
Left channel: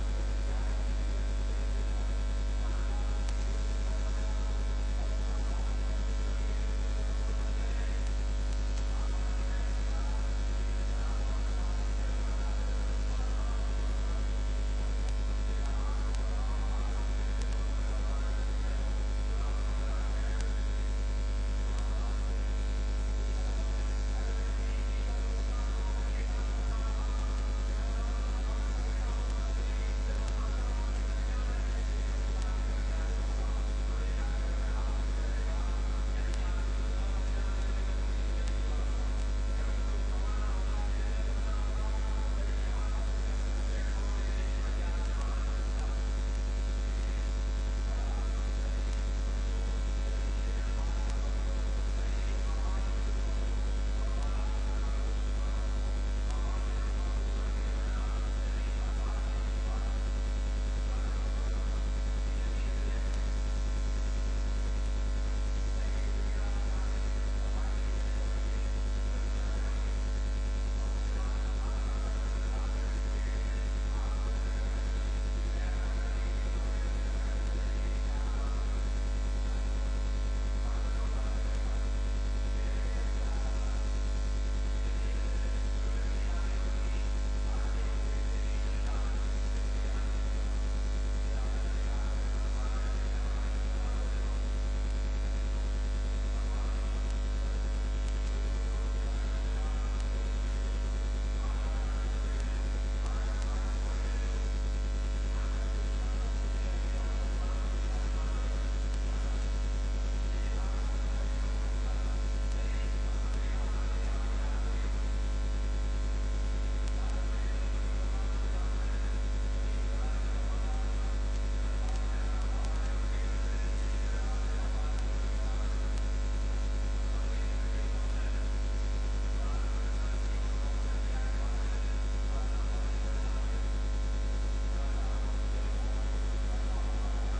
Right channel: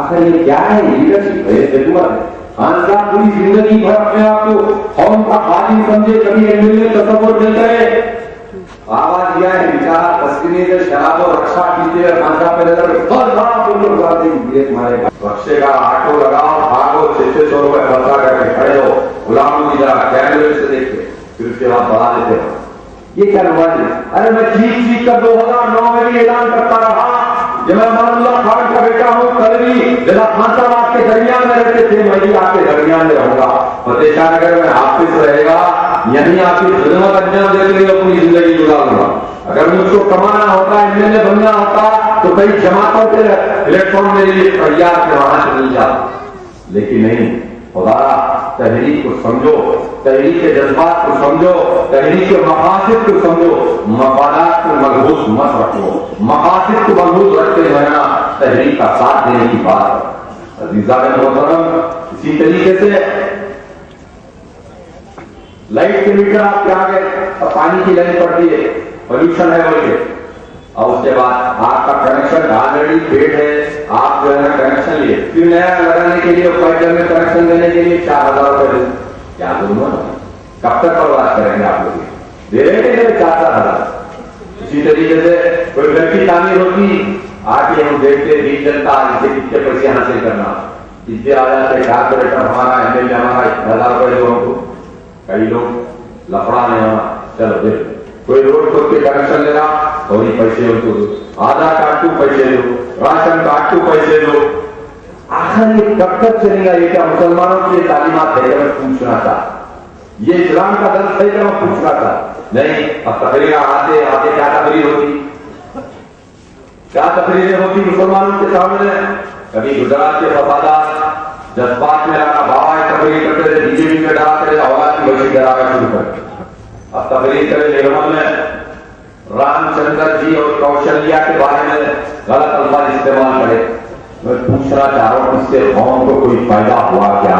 آخر یہ کیا ہے؟ لیڈرشپ ہے، حکومت ہے۔ خان صاحب پوری زندگی بھر اپنے آپ کو قوم کا خادم سمجھے، کبھی MLA تصور نہیں کرے۔ آواز یہ ہے بیچارہ تسکینی سے شراب و رکشا کیجیے، خان صاحب پہ نظر رکشے کا آٹو لگاؤ، بھاگو، 600 روپے خرچہ کر کے کھڑے ہو، غلاموں کی طرح کیمرے سے دیکھتے، پھر اس کے بعد بڑھا دیتے ہو۔ یہ کیا ہوا جی؟ ارے میں چیخ کر 2009 میں بھی اعلان کرتا رہا کہ میں امان اللہ خان کا بیٹا ہوں، کل بھی جناب خان صاحب آپ کے درمیان میں رہتے تھے، میں بھی آپ کے درمیان میں رہوں گا، فتح شاہ نگر میں حافظ رہے گا، یعنی آپ کی خدمت انجام دینے کے لیے اپنی زندگی گزار دوں گا۔ اگر مجھ کو کمانا ہوتا ہے، MLA بننا ہوتا تو کئی جماعتوں کے پلیٹ فارم میرے لیے تیار سے وہاں سے مل جاتا، لیکن نہیں۔ خدا تحریک کو سمجھو، تحریک کے جذبات کو سمجھو، تحریک کے مقاصد کو سمجھو، مفادات کو ملحوظ مت رکھو، مقاصد کو ملحوظ رکھتے رہنا تحریک کا ساتھ دینے کی بات۔ عزیزان محترم، اسی طریقے سے لائٹ کے میٹر آپ کے آگے اور پانی کی لائن پڑتی ہے، پولوشن ہے بول کے، اور اس کے بعد آپ کا کنیکشن آلریڈی پیڈ ہے، آپ جو ہے کنیکشن لیے، پھر نیا لگانے کے لیے فائدر میں کنیکشن دینے کے لیے 4000 روپے دیں، کیا دوں گا؟ کب تک برباد کریں گے آپ لوگ؟ دے رہے ہیں 4,000۔ اسی طریقے سے کوئی گھر کی تعمیر ہوتی، آگے ہم دیکھتے بیچ جنتا اس سے کتنے پیسے حاصل کرنا، اس سے آ جاتے کارپوریٹر ہمارا MLA ہمارا 1000 روپے دو ہم کو، کئی لوگ لفڑا نہیں ہونا، چلو دیکھ کوئی روڈ کو کنیکشن لینا اور یہ پیسے ان کو دو، آدھار کارڈ کو پیسے دو، راشن کارڈ کو پیسے دو۔ آخر یہ کب تک چلے گا؟ یہ کیا مسلمانوں کی تعلیمات ہے؟ میں پوچھنا تھا، یہ اسلام کا درس ہے کہ میں پوچھنا تھا؟ نہیں۔ اب تقریر آتے آتے کیا تقریر ہوتی، کیا تقریریں ہوتی مسلمانوں کے سامنے؟ کبھی گجرات کے فسادات جذبات میں آنا، بابا تقریر کرتے تھے، BJP میں ڈراتے تھے، اولاد کی بچی ڈرا کر شروع کر۔ اب تقریر کرے نرمل میں رام چندر جی اور کوشلیہ کے بارے میں غلط الفاظ استعمال کرے۔ میں پوچھنا چاہ رہا ہوں، اس سے قوم کو کوئی فائدہ ہوا کیا؟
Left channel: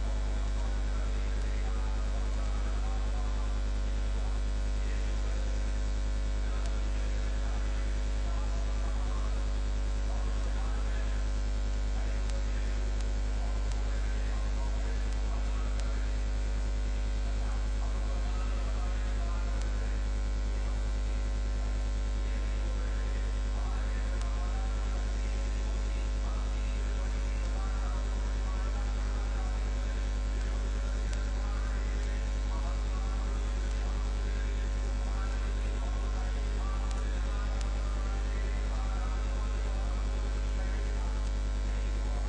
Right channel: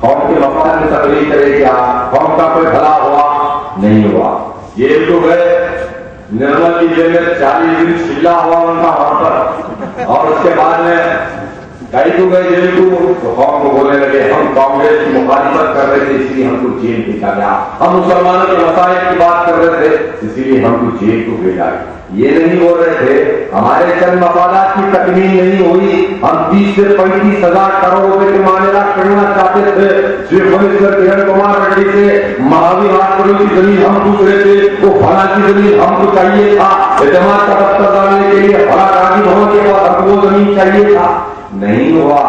قوم کے مفاد میں تقریر کرے کیا؟ قوم کا کوئی بھلا ہوا؟ نہیں ہوا۔ یہ تو گئے نرمل کی جیل میں 40 دن چلا ہوا ان کا وہاں پر، اور اس کے بعد میں کئی تو گئے جیل کو، تو قوم کو بولنے لگے ہم کانگریس کی مخالفت کر رہے تھے اس لیے ہم کو جیل بھیجا گیا، ہم مسلمانوں کے مسائل کی بات کر رہے تھے اسی لیے ہم کو جیل کو بھیجا گیا۔ یہ نہیں بول رہے تھے ہمارے چند مفادات کی تکمیل نہیں ہوئی، ہم 30 سے 35,000 کروڑ روپے کے معاملات کرنا چاہتے تھے، چیف منسٹر کرن کمار ریڈی سے مہاویر ہاسپٹل کی زمین ہم پوچھ رہے تھے، وہ فلاں کی زمین ہم کو چاہیے تھا، اعتماد کا دفتر ڈالنے کے لیے فلاں راجی بھون کے پاس ہم کو وہ زمین چاہیے تھا، نہیں ہوا۔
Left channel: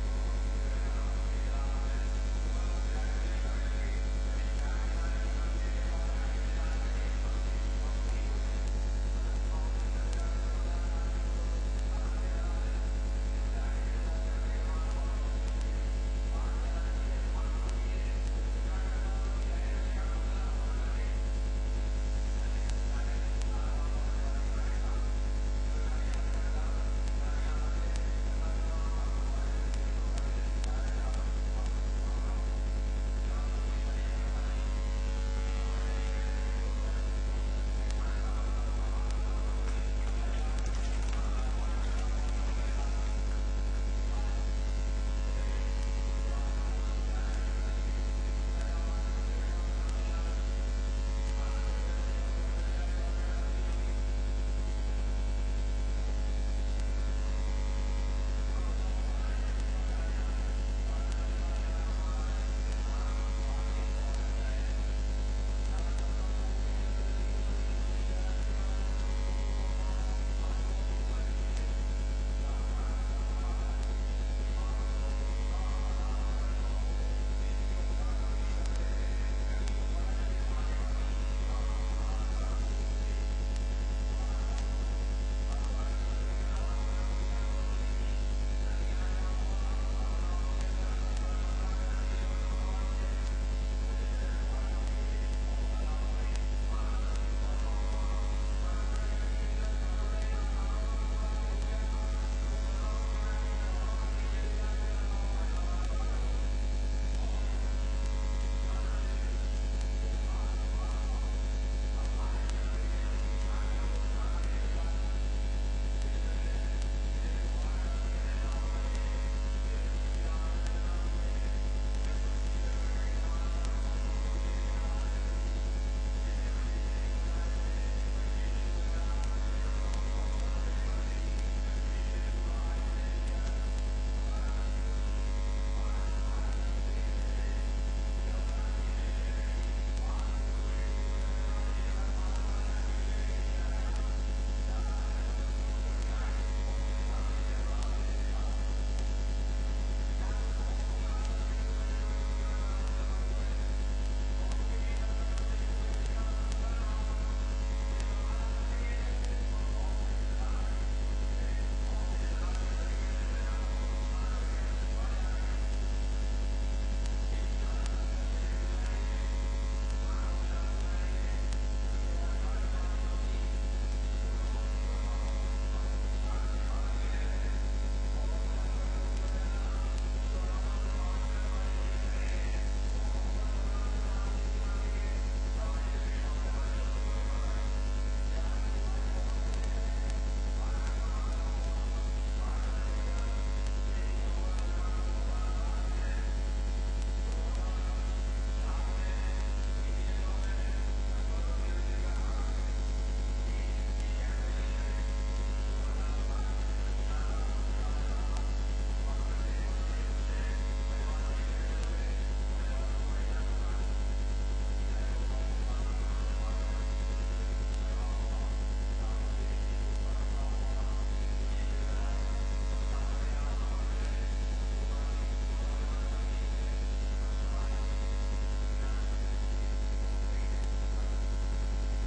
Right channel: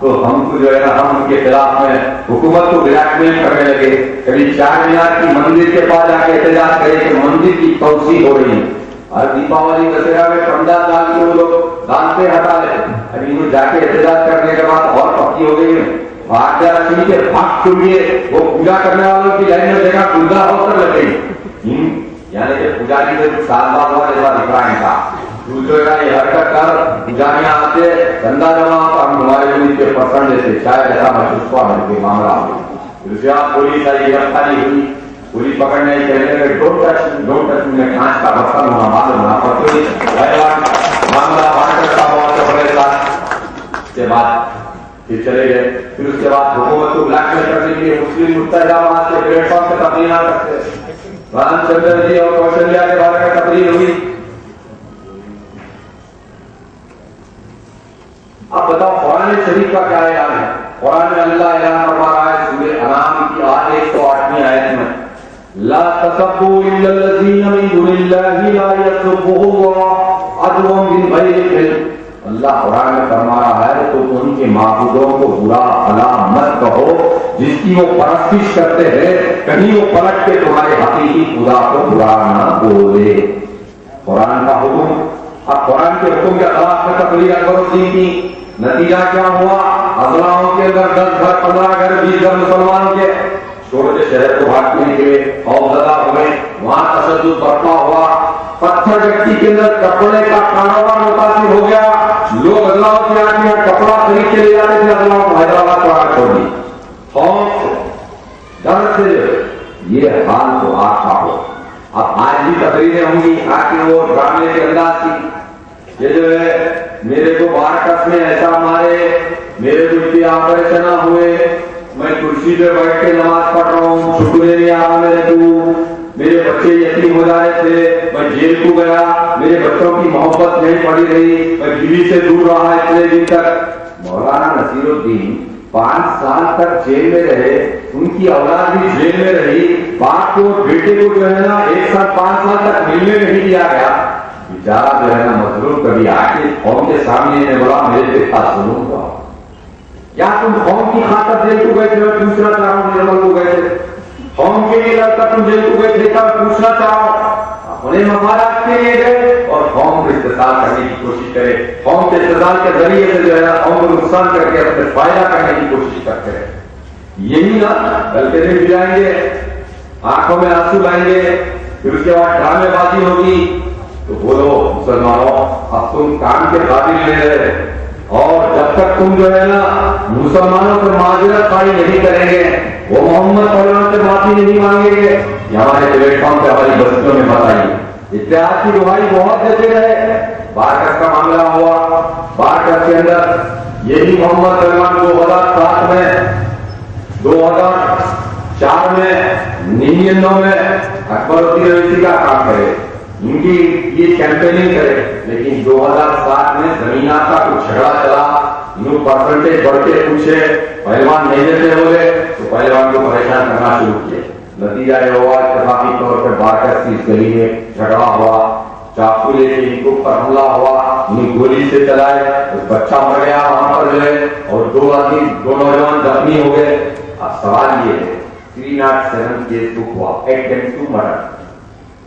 تو ہم کو جو ہے نا ہم ان کے خلاف میں حکومت کو بلیک میل کرنے لگے، کبھی 4 مینار کی مندر کے پاس جا کے احتجاج کرے کہ مندر کی توسیع ہو رہی ہے، اور دیپاولی دسہرا میں پنڈال ڈال کے وہ لوگ دانتے ہٹا لے، ابھی انہوں جا کے احتجاج کرنے کے بعد اور پکی ہو گئی ہے، بھاگ کے بھاگ چلیے وہ پوجا کرنے والوں کی لائن میں دیکھا پوجا ہو کر لگے، یعنی کہ پجاری سے سال بعد ہوا جیسا دکھ رہا تھا، دوسرے کا یہ حرکت کر پجاریاں آتے چندہ جمع ہم ہمارے ملک کے پسند دیتے، شاید ایسا محسوس ہوا ہم کے معاملہ ہو، پھر آپ پولیس آئی گرفتاری ہوئی، پولیس پکڑنے کہنے لگے ڈونٹ ٹچ میں کانچ کا برتن ہونا معلوم ہونا پڑتی معاملہ بات کرتا ہوا بڑے ساتھ، اس کے بعد پھر چلے گئے، پھر اس کے بعد حکومت کو بلیک میل کرنے کے لیے مسلم متحدہ وہاں سے پلیٹ فارم سے تقریر نہ کرتے، رام چندر جی اور کوشلیہ کے بارے میں تقریر ہوئی۔ اب بتاؤ قرآن شریف کا کیا اعلان ہے؟ قرآن میں اللہ اعلان فرما رہا ہے سورہ انعام کی 108ویں آیت میں، لا تسبوا الا الذين من دون الله لا يسبهم الله عدوا من غير علم اللہ قرآن میں فرما رہا ہے تو ان کے معبودوں کو برا بھلا مت کہو جس کی وہ پرستش کرتے ہیں، کہیں وہ پلٹ کے تمہارے حقیقی خدا کو برا نہ بولے۔ قرآن کا حکم، اب قرآن کے حکم کے خلاف میں تقریر اکبر الدین کی، نتیجہ کیا ہوا؟ اضلاعوں کے اندر 10 گھر 15 گھر 20 گھر مسلمانوں کے چھوٹے شہر کو بھاگنے کے خوفزدہ ہوئے، وہاں تشدد برپا ہوا، پتھر گٹی کے اندر کپڑے کا کاروبار متاثر ہو گیا، لوگ اضلاعوں کے آگے کپڑا خرید کے لے جاتے تھے، اضلاعوں کو حیدرآباد کو آگے چھوڑ دی، خوف سے ڈر سے یہ حال تو آتا ہو۔ اب آج بھی تقریریں ہوں گی آخر وہ ڈرامے کے انداز کی، یہ جو ہے میرے کو بارکس میں ایسا مارے، میرے کو اتنے آپریشن ہوئے، میں کرسی پہ بیٹھ کے نماز پڑھ رہا ہوں، شکر نہیں آ رہا میرے کو، میرے بچے یتیم ہو جا رہے تھے، میں جیل کو گیا، میرے بچوں کی محبت نہیں پڑی رہی، میں بیوی سے دور رہا اتنے دن تک۔ مولانا نصیر الدین 5 سال تک جیل میں رہے، ان کی اولاد بھی جیل میں رہی، باپ کو بیٹے کو جو ہے نا 1 سال 5 سال تک ملنے نہیں دیا گیا، بیچارہ جو ہے نا مظلوم کبھی آ کے قوم کے سامنے نے بولا میرے پہ خاص ظلم ہوا، کیا تم قوم کی خاطر جیل کو گئے تھے؟ میں پوچھنا چاہ رہا ہوں، نرمل کو گئے تھے قوم کے لیے لڑکا تم جیل کو گئے تھے کیا؟ پوچھنا چاہو، اپنے مفادات کے لیے گئے اور قوم کو استحصال کرنے کی کوشش کرے، قوم کے استحصال کے ذریعے سے جو ہے نا قوم کو نقصان کر کے اپنے فائدہ کرنے کی کوشش کرتے ہیں۔ یہی نا بلکہ بھی جائیں گے، آنکھوں میں آنسو لائیں گے، پھر اس کے بعد ڈرامے بازی ہوگی، تو بولو مسلمانوں اب تم کام کے قابل نہیں رہے، اور جب تک تم جو ہے نا مسلمانوں سے معذرت خواہی نہیں کریں گے، وہ محمد صلی اللہ علیہ وسلم سے معافی نہیں مانگیں گے، یہ ہمارے پلیٹ فارم پہ ہماری بستیوں میں بتائیے، اتحاد کی دعائی بہت دیتے رہے۔ بارکس کا معاملہ ہوا، بارکس کے اندر یہی محمد صلی اللہ علیہ وسلم 2007 میں 2004 میں 99 میں اکبر الدین اویسی کا کام کرے، ان کی یہ کیمپیننگ کرے، لیکن 2007 میں زمینات کا کچھ جھگڑا چلا، انہوں پرسنٹیج بڑھ کے پوچھے، پہلوان نہیں دیتے ہوئے تو پہلوان کو پریشان کرنا شروع کیے، نتیجہ یہ ہوا اتفاقی طور پر بارکس کی اس گلی میں جھگڑا ہوا، چاقو لے کے ان کو پر حملہ ہوا، انہیں گولی سے چلائے، بچہ مر گیا وہاں پر جو ہے، اور 2 آدمی 2 نوجوان زخمی ہو گئے۔ اب سوال یہ ہے 307 کیس بک ہوا، اٹمپٹ ٹو مرڈر،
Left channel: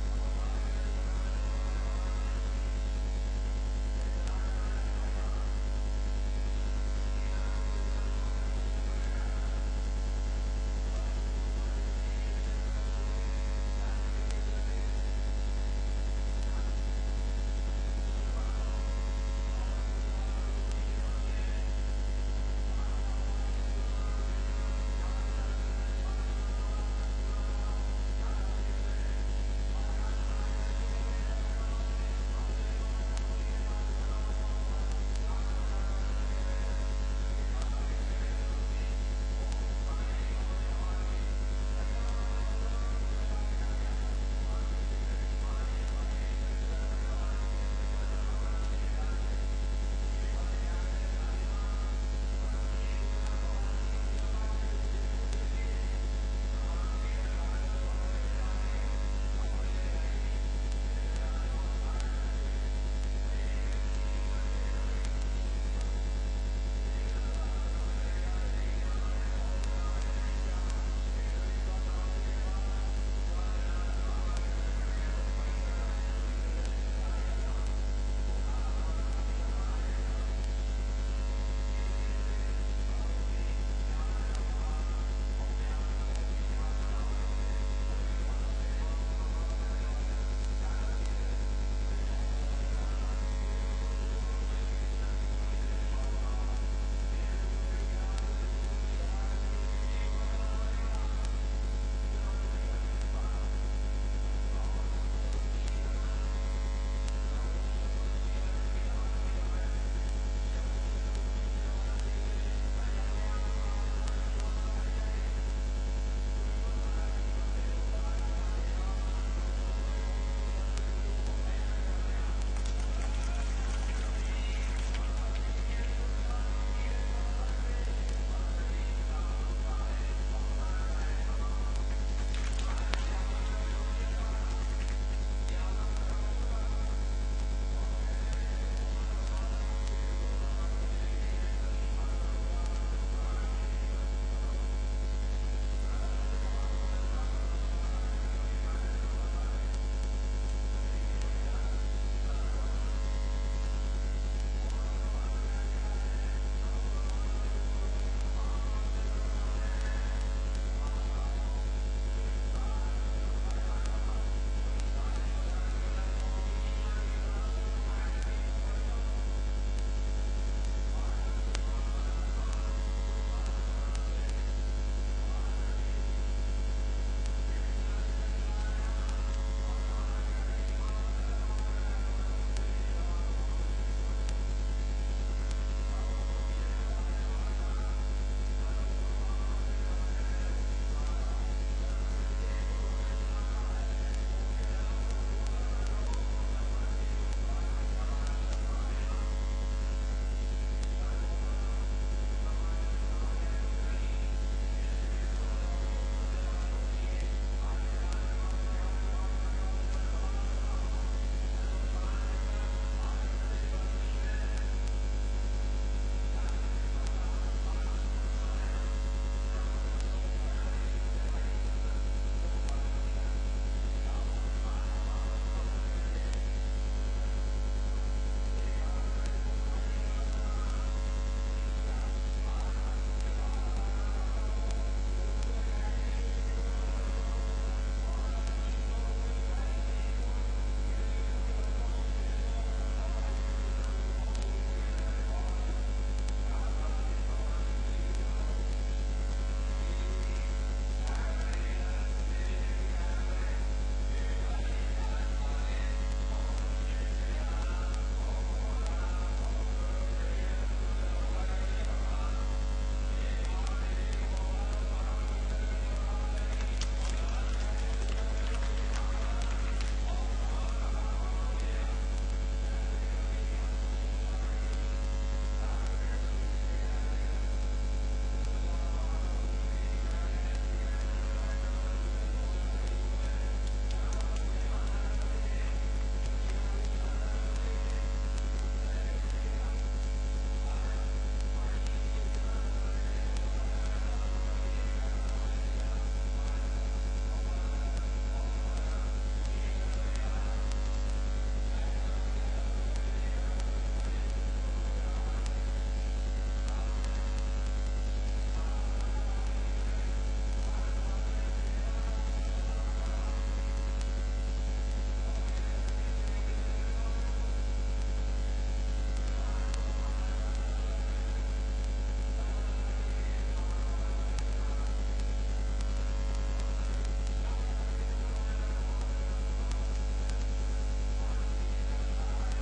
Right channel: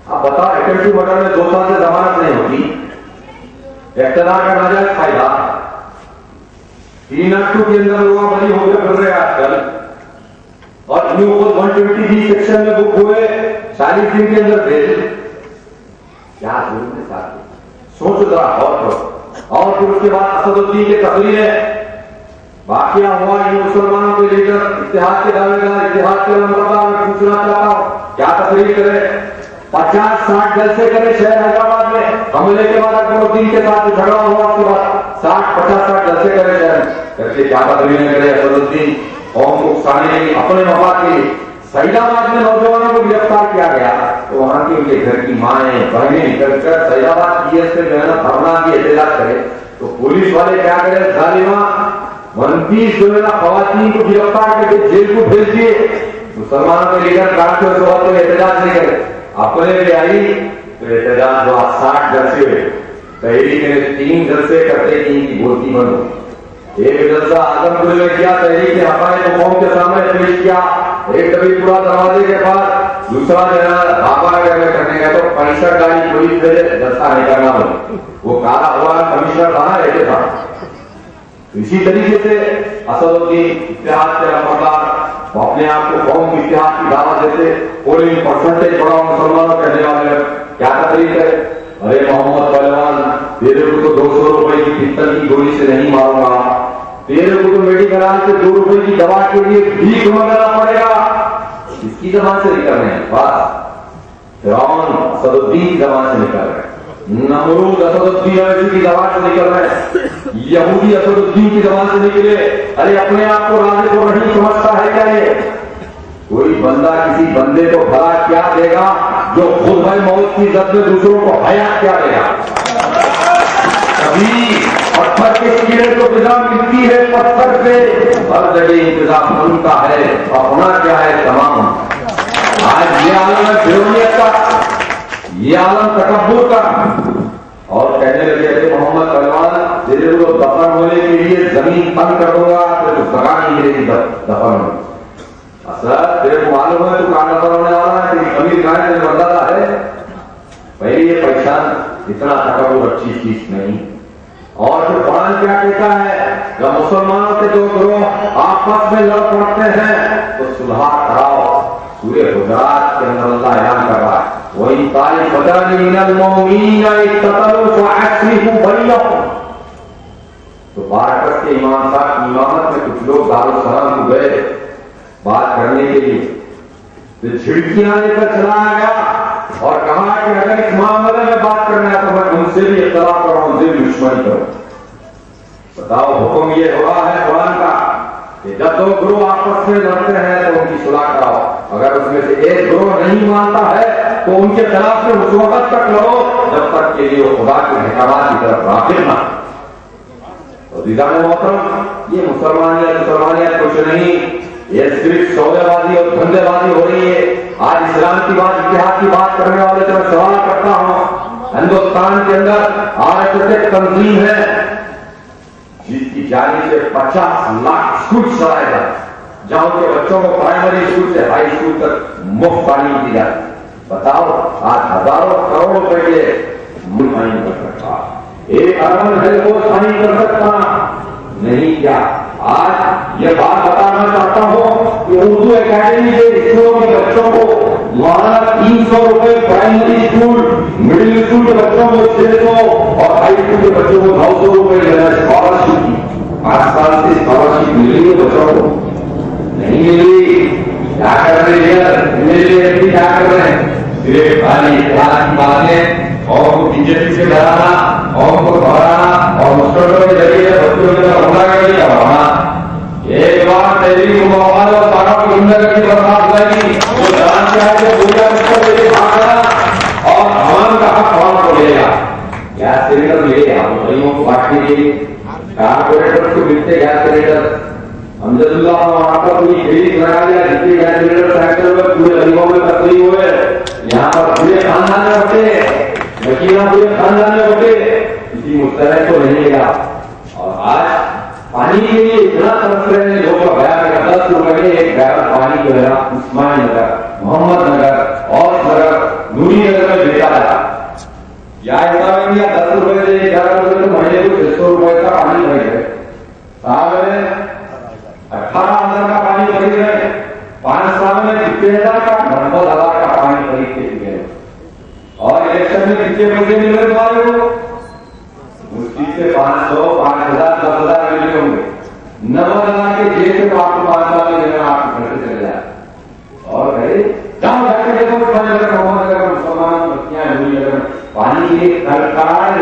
اب بتاؤ اٹمپٹ ٹو مرڈر میں 2 سال سے ضمانت نہیں ہوتی، اقتدار کا ناجائز فائدہ، 302 کے اندر لوگ بری ہو کے پھر رہے آج کل، اور نیو 120 سیکشن میں بک ہوئے 40 دن کے اندر دے کیا ظلم ہے ساتھ، سوچ ذرا اور پھر اس کے بعد اسد الدین کے تقریریں واقعہ ہوا، یہ مسلمانوں کے لیڈر اتحاد کے دعوے دار، اتحاد کے نمبردار، میں پوچھنا چاہتا ہوں کیا تقریر کرے، 50-60 جلسے کرے شہر حیدرآباد میں، حملے کے بعد اکبر الدین کے ساتھ جھگڑا ہوا، اس کے بعد 60-50 جلسے کرے شہر کر کے کیا تقریریں کرے اسد الدین، قوم کو اکسانے کے لیے، اپنے مفاد کے لیے۔ سعید آباد میں نوجوانوں کو گرفتار کیا گیا تو وہاں کی ان کے گھر کی مائیں بہنیں نکل کر سعید آباد پی ایس سے جو ہے نا دھرنا کی احتجاج کرے تو پولیس والے کیا کرے، ظالمہ 29 جو ہے نا خواتین کو گرفتار کر کے جیل کو بھیج دیے، مسلمانوں کے لیڈر کافی اور صحبت میں احتجاج نہیں کرے، اپنے بھی آئی تو احتجاج جو 60 جلسے ہوئے، تحریک نے 3 جلسے کرتے کہ ان کی بولتی بند ہو، ایک جلسہ اعظم گڑھ میں کیا، تحریک نے حقائق کو قوم کے سامنے پیش کیا، ایک کبھی پورا دروازے کے بعد دوسرا جو ہے بابا میں کرنے گیا تو کمشنر گاڑی پولیس بھیجے جلسہ نہیں کرنا بولے، وہ کالا ہوا کمشنر کہاں رہتے تھا۔ اسی طریقے سے اسد الدین اتحاد کے نمبردار وہ اپنے آپ کو قوم کی اتحاد کی دعوت دیتے، پولنگ پرسنٹیج بڑھاؤ مسلمانوں کہنے والے، کیا تقریر ہے، ارے محمد پہلوان تیرے کو تو 200 روپے کی پستل کی گولی سے نہیں ماروں گا، تیرے کو تو میڈیکل سے 2 روپے کی دوا کے لیے بھیک مانگنا پڑے گا، اس کی زبان سے نکل رہے ہیں بات، فرعون اسد الدین کی زبان سے نکل رہے ہیں، نمرود اسد الدین اویسی کی زبان سے نکل رہے ہیں، یہودی اسد الدین کی زبان سے نکلے، ارے اپنے آپ کو رازق و رحیم سمجھتا ہے کیا یہ؟ کوئی بندہ کسی بندے کو بھلا کیا دے گا جو خود ہے موت کی زد میں دوسروں کو حیات کیا دے گا؟ کبھی پتھر کے کیڑے کو غذا ملتی ہے پتھر سے، ہر جگہ انتظام ان کا ہے، اپنا کیا ہے تمام۔ آج یہ عالم ہے بیرونیت کا، یہ عالم تکبر کا، اور کہنے لگے کہ محمد پہلوان بھائی یہ پیسہ اتنا تکبر اچھی چیز نہیں. اور پھر قرآن کیا کہتا ہے؟ جب مسلمانوں کے دو گروہ آپس میں لڑ پڑتے ہیں تو صلح کراؤ. سورہ حجرات کے اندر اللہ اعلان کر رہا ہے وَإِن طَائِفَتَانِ مِنَ الْمُؤْمِنِينَ اقْتَتَلُوا فَأَصْلِحُوا بَيْنَهُمْ. تو بارکت کے امام صاحب کی امامت میں کچھ لوگ دارالسلام کو گئے بات کرنے کے لیے. تو چھڑکیاں لے کر چلایا گیا اور کہا کہ اگر اس معاملے میں بات کرنا ہے تو میں ان سے بھی اختلاف کروں, ان سے بھی دشمنی کروں. بتاؤ حکم یہ ہوا ہے قرآن کا کہ جب دو گروہ آپس میں لڑتے ہیں تو ان کی صلح کراؤ. اگر اس میں سے ایک گروہ نہیں مانتا ہے تو ان کے خلاف سے اس وقت تک لڑو جب تک کہ وہ خدا کے احکامات کی طرف راغب نہ. عزیزان محترم, یہ مسلمانیت کچھ نہیں, یہ صرف سودے بازی اور دھندے بازی ہو رہی ہے. آج اسلام کی بات, اتحاد کی بات کرنے والے سے میں سوال کرتا ہوں, ہندوستان کے اندر RSS ایک تنظیم ہے جس کی جانب سے 50 لاکھ اسکول چلائے گا جہاں ان کے بچوں کو پرائمری اسکول سے ہائی اسکول تک مفت تعلیم دی جاتی. بتاؤ آج ہزاروں کروڑ روپے کے ملک نہیں کر سکتا, 1 ارب ہے وہ نہیں کر سکتا. نہیں کیا آج یہ بات بتانا چاہتا ہوں کہ اردو اکیڈمی کے اسکولوں کے بچوں کو ماہانہ 300 روپے پرائمری اسکول, مڈل اسکول کے بچوں کو 600 اور ہائی اسکول کے بچوں کو 900 روپے لینا اسکالرشپ کی. 5 سال سے اسکالرشپ مل رہی ہے بچوں کو نہیں ملی. کیا کر رہے ہیں کیا کر رہے ہیں؟ صرف خالی اتحاد کی باتیں اور کو بی جے پی سے ڈرانا اور کو بڑھانا اور مسلمانوں کے ذریعے بچوں کے حملہ کر کے کروانا. ایک بار تحریک مواد اور طاقت کی زندگی کی برباد لگی تو جان کیا ہے کہ پورا مستقبل لے کے بھاگنا اور عوام کا حق عوام کو لے گا. گیس سلینڈر لے گا غریبوں کو بانٹنے کے لیے, کارپوریٹر کو ملتے گیس سلینڈر. الحمدللہ وہاں پر کوئی فریج لگا دیا جتنے گیس سلینڈر سیکٹر میں پورے غریبوں میں تقسیم ہوئے. یہاں پر پورے خاندان میں ہوتے مکینہ, پورے خاندان میں ہوتے, کسی مستحق کو نہیں گا. اور آج پانی کے لیے اتنا ترس رہے ہیں لوگ کا بیان ہے 10 روپے میں ایک بیرل پانی جو ہے عثمان نگر, محمد نگر, اوس نگر, نوری نگر میں بیچا جاتا. یا حساب میں 10 روپے سے 11 روپے تو مہینے کو 600 روپے کا پانی خرید رہے. سال میں 18,000 کا پانی خرید رہے, 5 سال میں 90,000 کا 90,000 کا پانی خرید کے چکے. اور الیکشن میں کتنے پیسے مل رہے تمہارے کو؟ مشکل سے 500, 5,000, 10,000 ملے ہوں گے. 90,000 کے جیب سے تو آپ کو 5 سال میں دینا آپ کے گھر سے چلے جائے. اور گئے جہاں جا کے دیکھو پانی اگر محمد اگر مسلمان بستیاں ہوئی اگر پانی ایک سرکار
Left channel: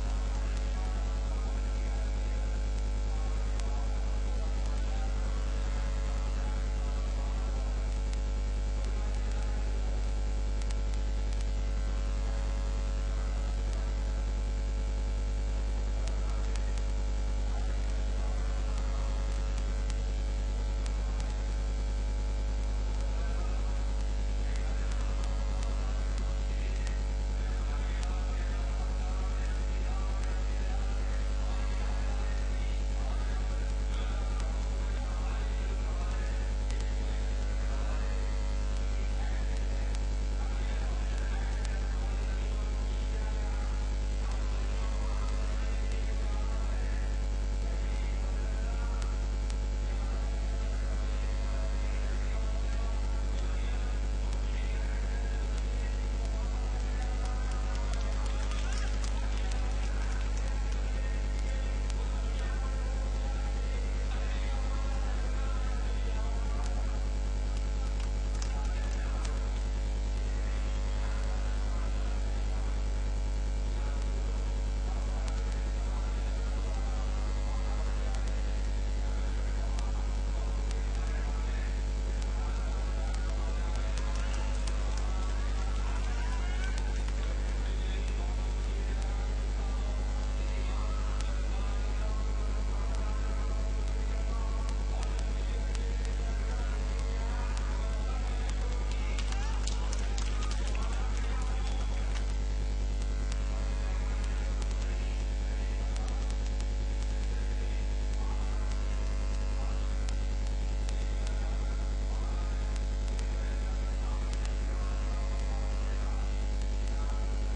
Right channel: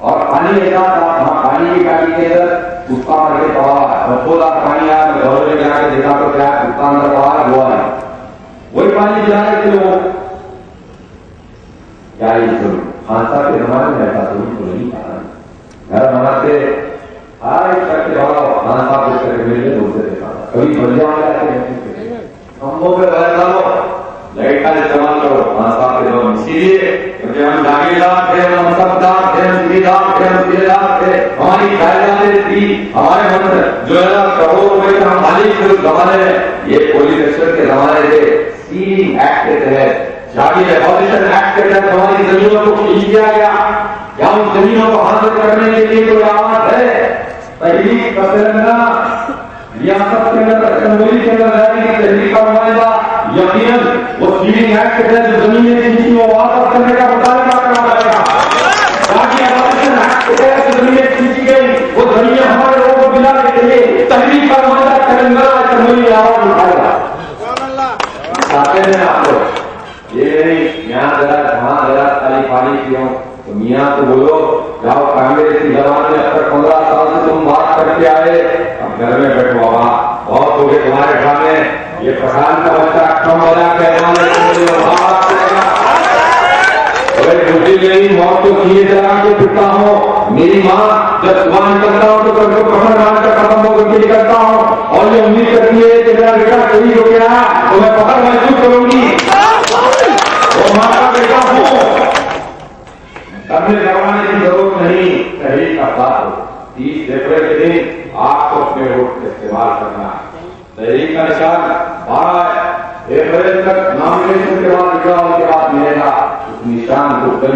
اور پانی ایسا تھا پانی کی گاڑی کے اندر اس کا مرے پڑا اور خود آپ پانی آیا گھر میں جا کے دیکھا تو کیا اس کا اندر پڑا ہوا ہے وہی پانی جا رہے تھے وہ کیا یہ خانسا کے زمانے میں ایسا تو نہیں تھا. گھر بناتے ہر ایک کر کے بڑا خانسا کر کے میرے بولتے دیکھا کبھی بندے آ جاتے ہیں کمبوں پہ بہ ڈالو لائٹ کا استعمال کرو خانسا کے جو اسی لیے کیونکہ ہم جاگیردار تھے, ہم سبدار تھے, ہم سیدھار تھے, ہم سیدھار تھے, ہماری جائیدادیں تھی, ہمارے من جو ہے نا کروڑوں روپے کا ہم مالک تھے اس زمانے میں. یہ پولیس ایکشن کے زمانے سے سیلنگ ایکٹ کے تحت جاگیر ایبولیشن ایکٹ کے تحت ہماری زمینوں کو کھینچ دیا گیا. کیا ان زمینوں کو حاصل کرنے کے لیے کوئی آواز ہے؟ تحریک کا تلنگانہ ریاست کے اندر اسمبلی کے اندر جانے کی تحریک کا معاہدہ یقیناً وہ سیلنگ ایکٹ کے تحت جو زمینیں کھینچی وہ واپس کرنے کا مطالبہ کرنا پڑے گا. جاگیر ایبولیشن ایکٹ کے تحت جو زمینیں کھینچی گئی وہ زمینیں ہمارے لوگوں کو دلانے کے لیے تحریک کا معاہدہ تلنگانہ اسمبلی میں آواز اٹھائے گا. چاہتے ہیں آپ لوگ یہ نہیں یہاں ذرا وہاں ذرا خالی پانی پیو تو میاں تو بولو جاؤ کانگریس کی زبان میں اب تک 15 سال سے تم بات کر کے آئے اب گھر میں بیٹھو بابا بہت ہو گئے تمہارے سامنے